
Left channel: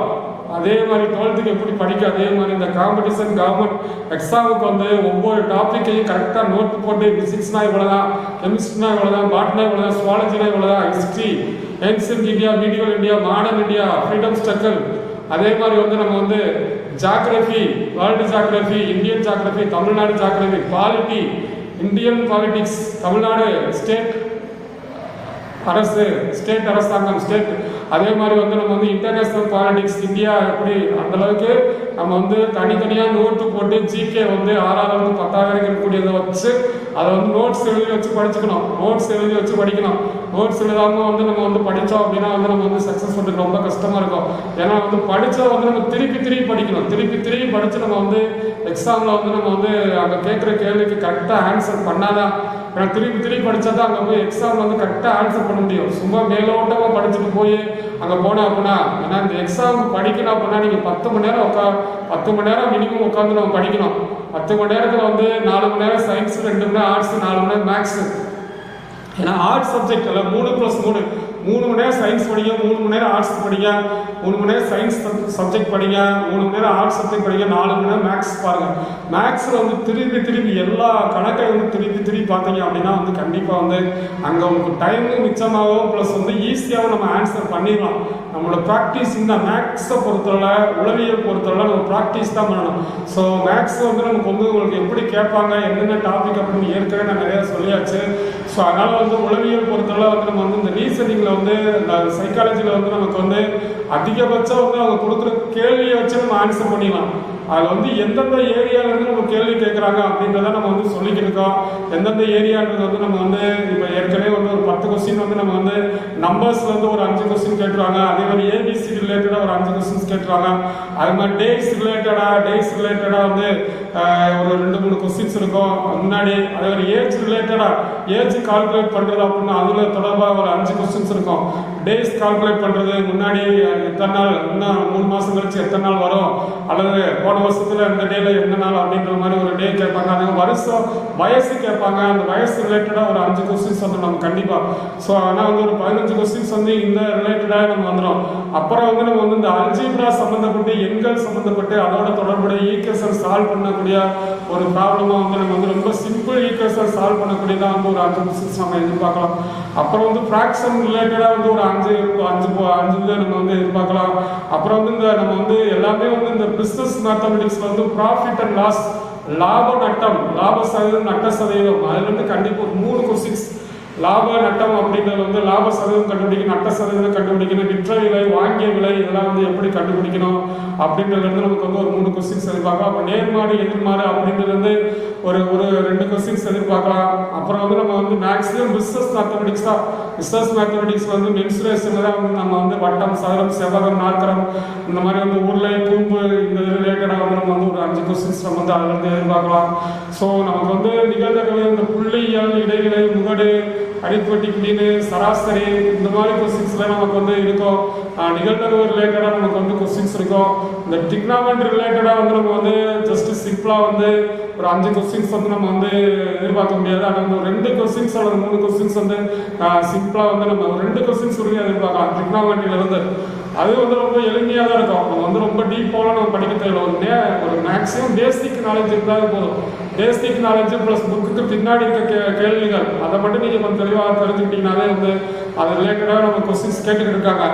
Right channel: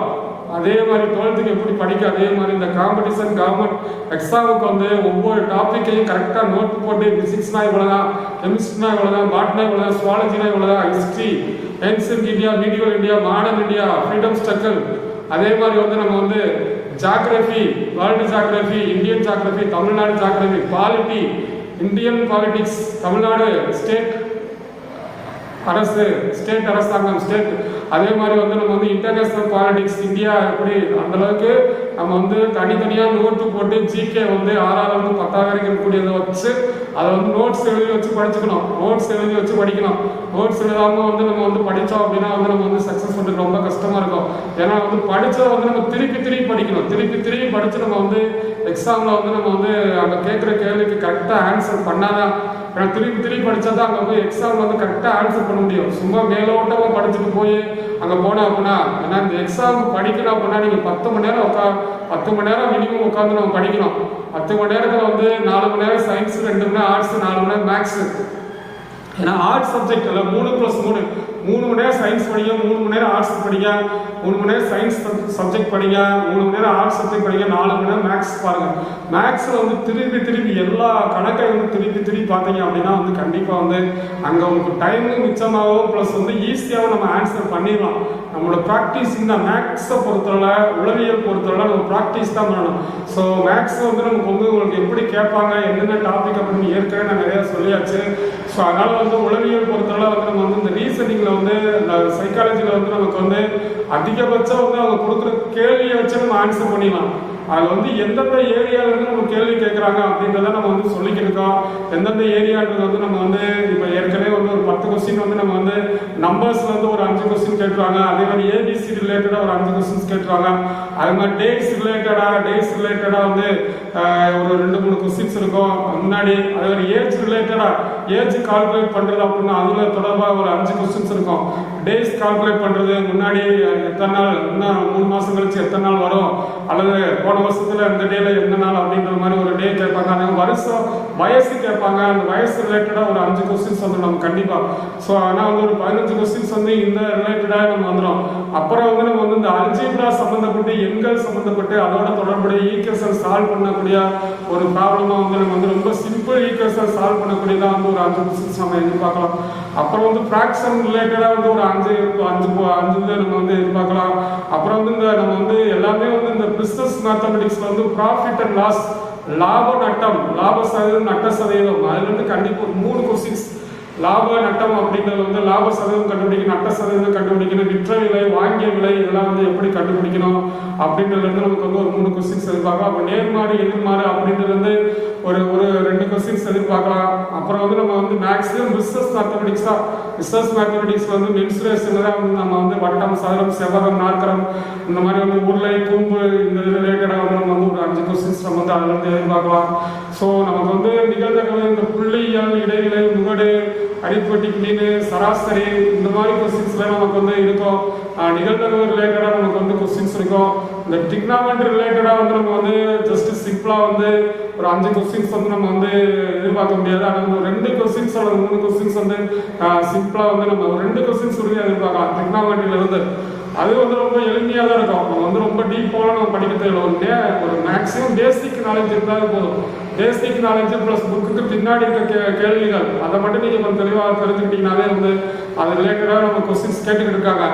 அதே மாதிரி 12th எப்படி படிக்க அதே மாதிரி இந்த காம்படிஷன் கவர்மெண்ட் எக்ஸாமுக்கு வந்து ஒவ்வொரு டாப்பிக்கையும் கரெக்டாக நோட் போட்டு பிசிக்ஸ்னா இவ்வளோதான், கெமிஸ்ட்ரினா இவ்வளோதான், பாட்னா இவ்வளோதான், சுவாலஜினா இவ்வளோதான், history, ancient India, medial India, modern India, freedom struggle, அதே மாதிரி வந்து நம்ம வந்து geography, world geography, Indian geography, Tamil Nadu geography, polity, Indian politics, Tamil Nadu state அரசு, ஸ்டேட் அரசாங்கம், ஸ்டேட், அதே மாதிரி வந்து நம்ம வந்து இன்டர்நேஷனல் பாலிடிக்ஸ், இந்தியா எப்படி அந்த அளவுக்கு நம்ம வந்து தனித்தனியாக நோட்டு போட்டு ஜிகே வந்து 6வது 10வது வரைக்கும் இருக்கக்கூடியதை வச்சு அதை வந்து நோட்ஸ் எழுதி வச்சு படிச்சுக்கணும். நோட்ஸ் எழுதி வச்சு படிக்கணும். நோட்ஸ் எழுதாமல் வந்து நம்ம வந்து படித்தோம் அப்படின்னா வந்து நம்ம வந்து சக்ஸஸ் பண்ணுறது ரொம்ப கஷ்டமாக இருக்கும். ஏன்னா வந்து படித்ததை வந்து நம்ம திருப்பி படிக்கணும். திருப்பி படித்து நம்ம வந்து எக்ஸாமில் வந்து நம்ம வந்து அங்கே கேட்குற கேள்விக்கு கரெக்டாக ஆன்சர் பண்ணாதான். ஏன்னா திருப்பி படித்தா தான் அங்கே போய் எக்ஸாமில் வந்து கரெக்டாக ஆன்சர் பண்ண முடியும். சும்மா மேலோட்டமாக படிச்சுட்டு போய் அங்கே போனோம் அப்படின்னா, ஏன்னா இந்த எக்ஸாமுக்கு படிக்கணும் அப்படின்னா நீங்கள் 10 மணி நேரம் 10 மணி நேரம் மினிமம் உட்காந்து நம்ம படிக்கணும். 10 மணி நேரத்தில் வந்து 4 மணி நேரம் சயின்ஸ், 2 மணி நேரம் ஆர்ட்ஸ், 4 மணி நேரம் மேக்ஸு. ஏன்னா ஆர்ட்ஸ் சப்ஜெக்ட் இல்லை 3+3 3 மணி நேரம் சயின்ஸ் படிங்க, 3 மணி நேரம் ஆர்ட்ஸ் படிங்க, 3 மணி நேரம் சயின்ஸ் சப்ஜெக்ட் படிங்க, 3 மணி நேரம் ஆர்ட்ஸ் சப்ஜெக்ட் படிங்க, 4 மணி நேரம் மேக்ஸ் பாருங்க. மேக்ஸில் வந்து திருப்பி எல்லா கணக்கை வந்து திருப்பி பார்த்தீங்க அப்படின்னா வந்து கண்டிப்பாக வந்து அங்கே உங்களுக்கு டைமும் மிச்சமாகவும் ப்ளஸ் வந்து ஈஸியாகவும் நம்ம ஆன்சர் பண்ணிடலாம். நம்மளோட ப்ராக்டிஸ் இந்த மேக்ஸை பொறுத்தவரை, உளவியல் பொறுத்தவரை நம்ம ப்ராக்டிஸ் தான் பண்ணணும். ஸோ மேக்ஸ் வந்து நமக்கு வந்து உங்களுக்கு எப்படி கேட்பாங்க, என்னென்ன டாபிக் அப்படின்னு ஏற்கனவே நான் நிறையா சொல்லியாச்சு. ஸோ அதனால் வந்து உளவியல் பொறுத்தவரை வந்து நம்ம வந்து இந்த ரீசனிங்கில் வந்து இந்த சைக்காலஜியில் வந்து நமக்கு வந்து அதிகபட்சம் வந்து அவங்க கொடுக்குற கேள்வியை வச்சு நம்ம ஆன்சர் பண்ணிடலாம். அதில் வந்து எந்தெந்த ஏரியாவிலேருந்து நம்ம கேள்வி கேட்குறாங்க அப்படின்றத நம்ம வந்து சொல்லிக்கிட்டு இருக்கோம். எந்தெந்த ஏரியான்றது வந்து நம்ம வந்து இப்போ ஏற்கனவே வந்து ஒரு 10 கொஸ்டின் வந்து நம்ம வந்து நம்பர்ஸில் வந்து ஒரு 5 கொஸ்டின் கேட்டுருவாங்க. அதே மாதிரி ஏபிசி ரிலேட்டடாக ஒரு 5 கொஸ்டின்ஸ் கேட்டுருவாங்க. அது மாதிரி டேஸ் ரிலேட்டடாக வந்து ஒரு 2-3 கொஸ்டின்ஸ் இருக்கும் முன்னாடி. அதே மாதிரி ஏஜ் கால்குலேட் பண்ணுறது அப்படின்னா அதில் தொடர்பாக ஒரு 5 கொஸ்டின்ஸ் இருக்கும். டேஸ் கால்குலேட் பண்ணுறது முன்னாடி எத்தனை நாள், இன்னும் 3 மாதம் கழிச்சு எத்தனை நாள் வரும், அல்லது போன வருஷத்துல இந்த டேல எந்த நாள் அப்படின்ற மாதிரி ஒரு டே கேட்பாங்க. அதே வருஷம் வயசு கேட்பாங்க. அந்த வயசு ரிலேட்டடா ஒரு 5 கொஸ்டின்ஸ் வந்து நம்ம கண்டிப்பா. ஸோ ஆனால் வந்து ஒரு 15 கொஸ்டின்ஸ் வந்து இந்த ரிலேட்டடாக நம்ம வந்துடும். அப்புறம் வந்து நம்ம வந்து இந்த அல்ஜீப்ரா சம்பந்தப்பட்டு, எண்கள் சம்பந்தப்பட்டு அதோட தொடர்புடைய ஈக்குவேஷன் சால்வ் பண்ணக்கூடிய ஒரு ப்ராப்ளமா வந்து நம்ம வந்து ரொம்ப சிம்பிள் ஈக்குவேஷன் சால்வ் பண்ணக்கூடியதான் வந்து ஒரு 5 கொஸ்டின்ஸ் நம்ம எதிர்பார்க்கலாம். அப்புறம் வந்து ஃப்ராக்ஷன் ரிலேட்டடாக வந்து ஒரு 5 நம்ம வந்து எதிர்பார்க்கலாம். அப்புறம் வந்து இந்த நம்ம வந்து எல்லாமே வந்து இந்த பிசினஸ் மேத்தமெட்டிக்ஸ்ல வந்து ப்ராஃபிட் அண்ட் லாஸ், லாப நட்டம், லாப சதவீதம், நட்ட சதவீதம், அதுல இருந்து கண்டிப்பா 3 கொஸ்டின்ஸ் லாப நட்டம் அப்படின்றது வந்து லாப சதவீதம் கண்டுபிடிக்கணும், நட்ட சதவீதம் கண்டுபிடிக்கணும், விற்ற விலை, வாங்கிய விலை, இதெல்லாம் வந்து எப்படி கண்டுபிடிக்கணும் அப்படின்றது வந்து நமக்கு வந்து ஒரு 3 கொஸ்டின்ஸ் எதிர்பார்க்கலாம். அப்போ நேர்மாறு எதிர்மாறு அப்படின்றது வந்து ஒரு 2 கொஸ்டின்ஸ் எதிர்பார்க்கலாம். அப்புறம் வந்து நம்ம வந்து மேக்ஸிமம் பிஸ்னஸ் மேத்தமெட்டிக்ஸ் தான். பிஸ்னஸ் மேத்தமெட்டிக்ஸ்ல வந்து மென்சுரேஷன்ல தான் வந்து நம்ம வந்து வட்டம், சதுரம், செவ்வகம், நாற்கரம், இந்த மாதிரி வந்து உருளை, கூம்பு, இந்த ரிலேட்டடாக வந்து நம்ம வந்து ஒரு 5 கொஸ்டின்ஸ் நம்ம வந்து அதுல இருந்து எதிர்பார்க்கலாம். ஸோ நமக்கு வந்து நிகழ்தகவு, இந்த புள்ளியியல், இடைநிலை, முகடு, அரித்மெட்டிக் மீன், சராசரி, இந்த மாதிரி கொஸ்டின்ஸ்லாம் நமக்கு வந்து இருக்கும். நிகழ்தகவு ரிலேட்டடாக நமக்கு வந்து கொஸ்டின்ஸ் இருக்கும். இந்த டிக்னாமெட்ரி ரிலேட்டடாக வந்து நம்ம வந்து ஜஸ்ட் சிம்பிளாக வந்து ஒரு 5 கொஸ்டின்ஸ் வந்து நம்ம வந்து எதிர்பார்க்க முடியாது. ஆனால் ஒரு 2 கொஸ்டின்ஸ் அல்லது 3 கொஸ்டின்ஸ் வந்து சிம்பிளாக வந்து நம்ம ஒரு 2 கொஸ்டின்ஸ் உடனே எதிர்பார்க்கலாம் டிக்னாமெட்ரியில இருந்து. அது வந்து ரொம்ப எளிமையாக தான் இருக்கும். நம்ம வந்து ரொம்ப டீப்பாக நம்ம படிக்க தேவையில்லை. ஒரு மேக்ஸிமம் பேசிக் நாலேஜ் இருந்தாலே போதும். பேசிக் நாலேஜ் ப்ளஸ் புக்குக்கு பின்னாடி இருக்க கேள்விகள் அதை மட்டும் நீங்கள் கொஞ்சம் தெளிவாக தெரிஞ்சுக்கிட்டீங்கனாலே வந்து அது ரிலேட்டடாக நம்ம கொஸ்டின்ஸ் கேட்டுக்கிட்டு இருக்காங்க.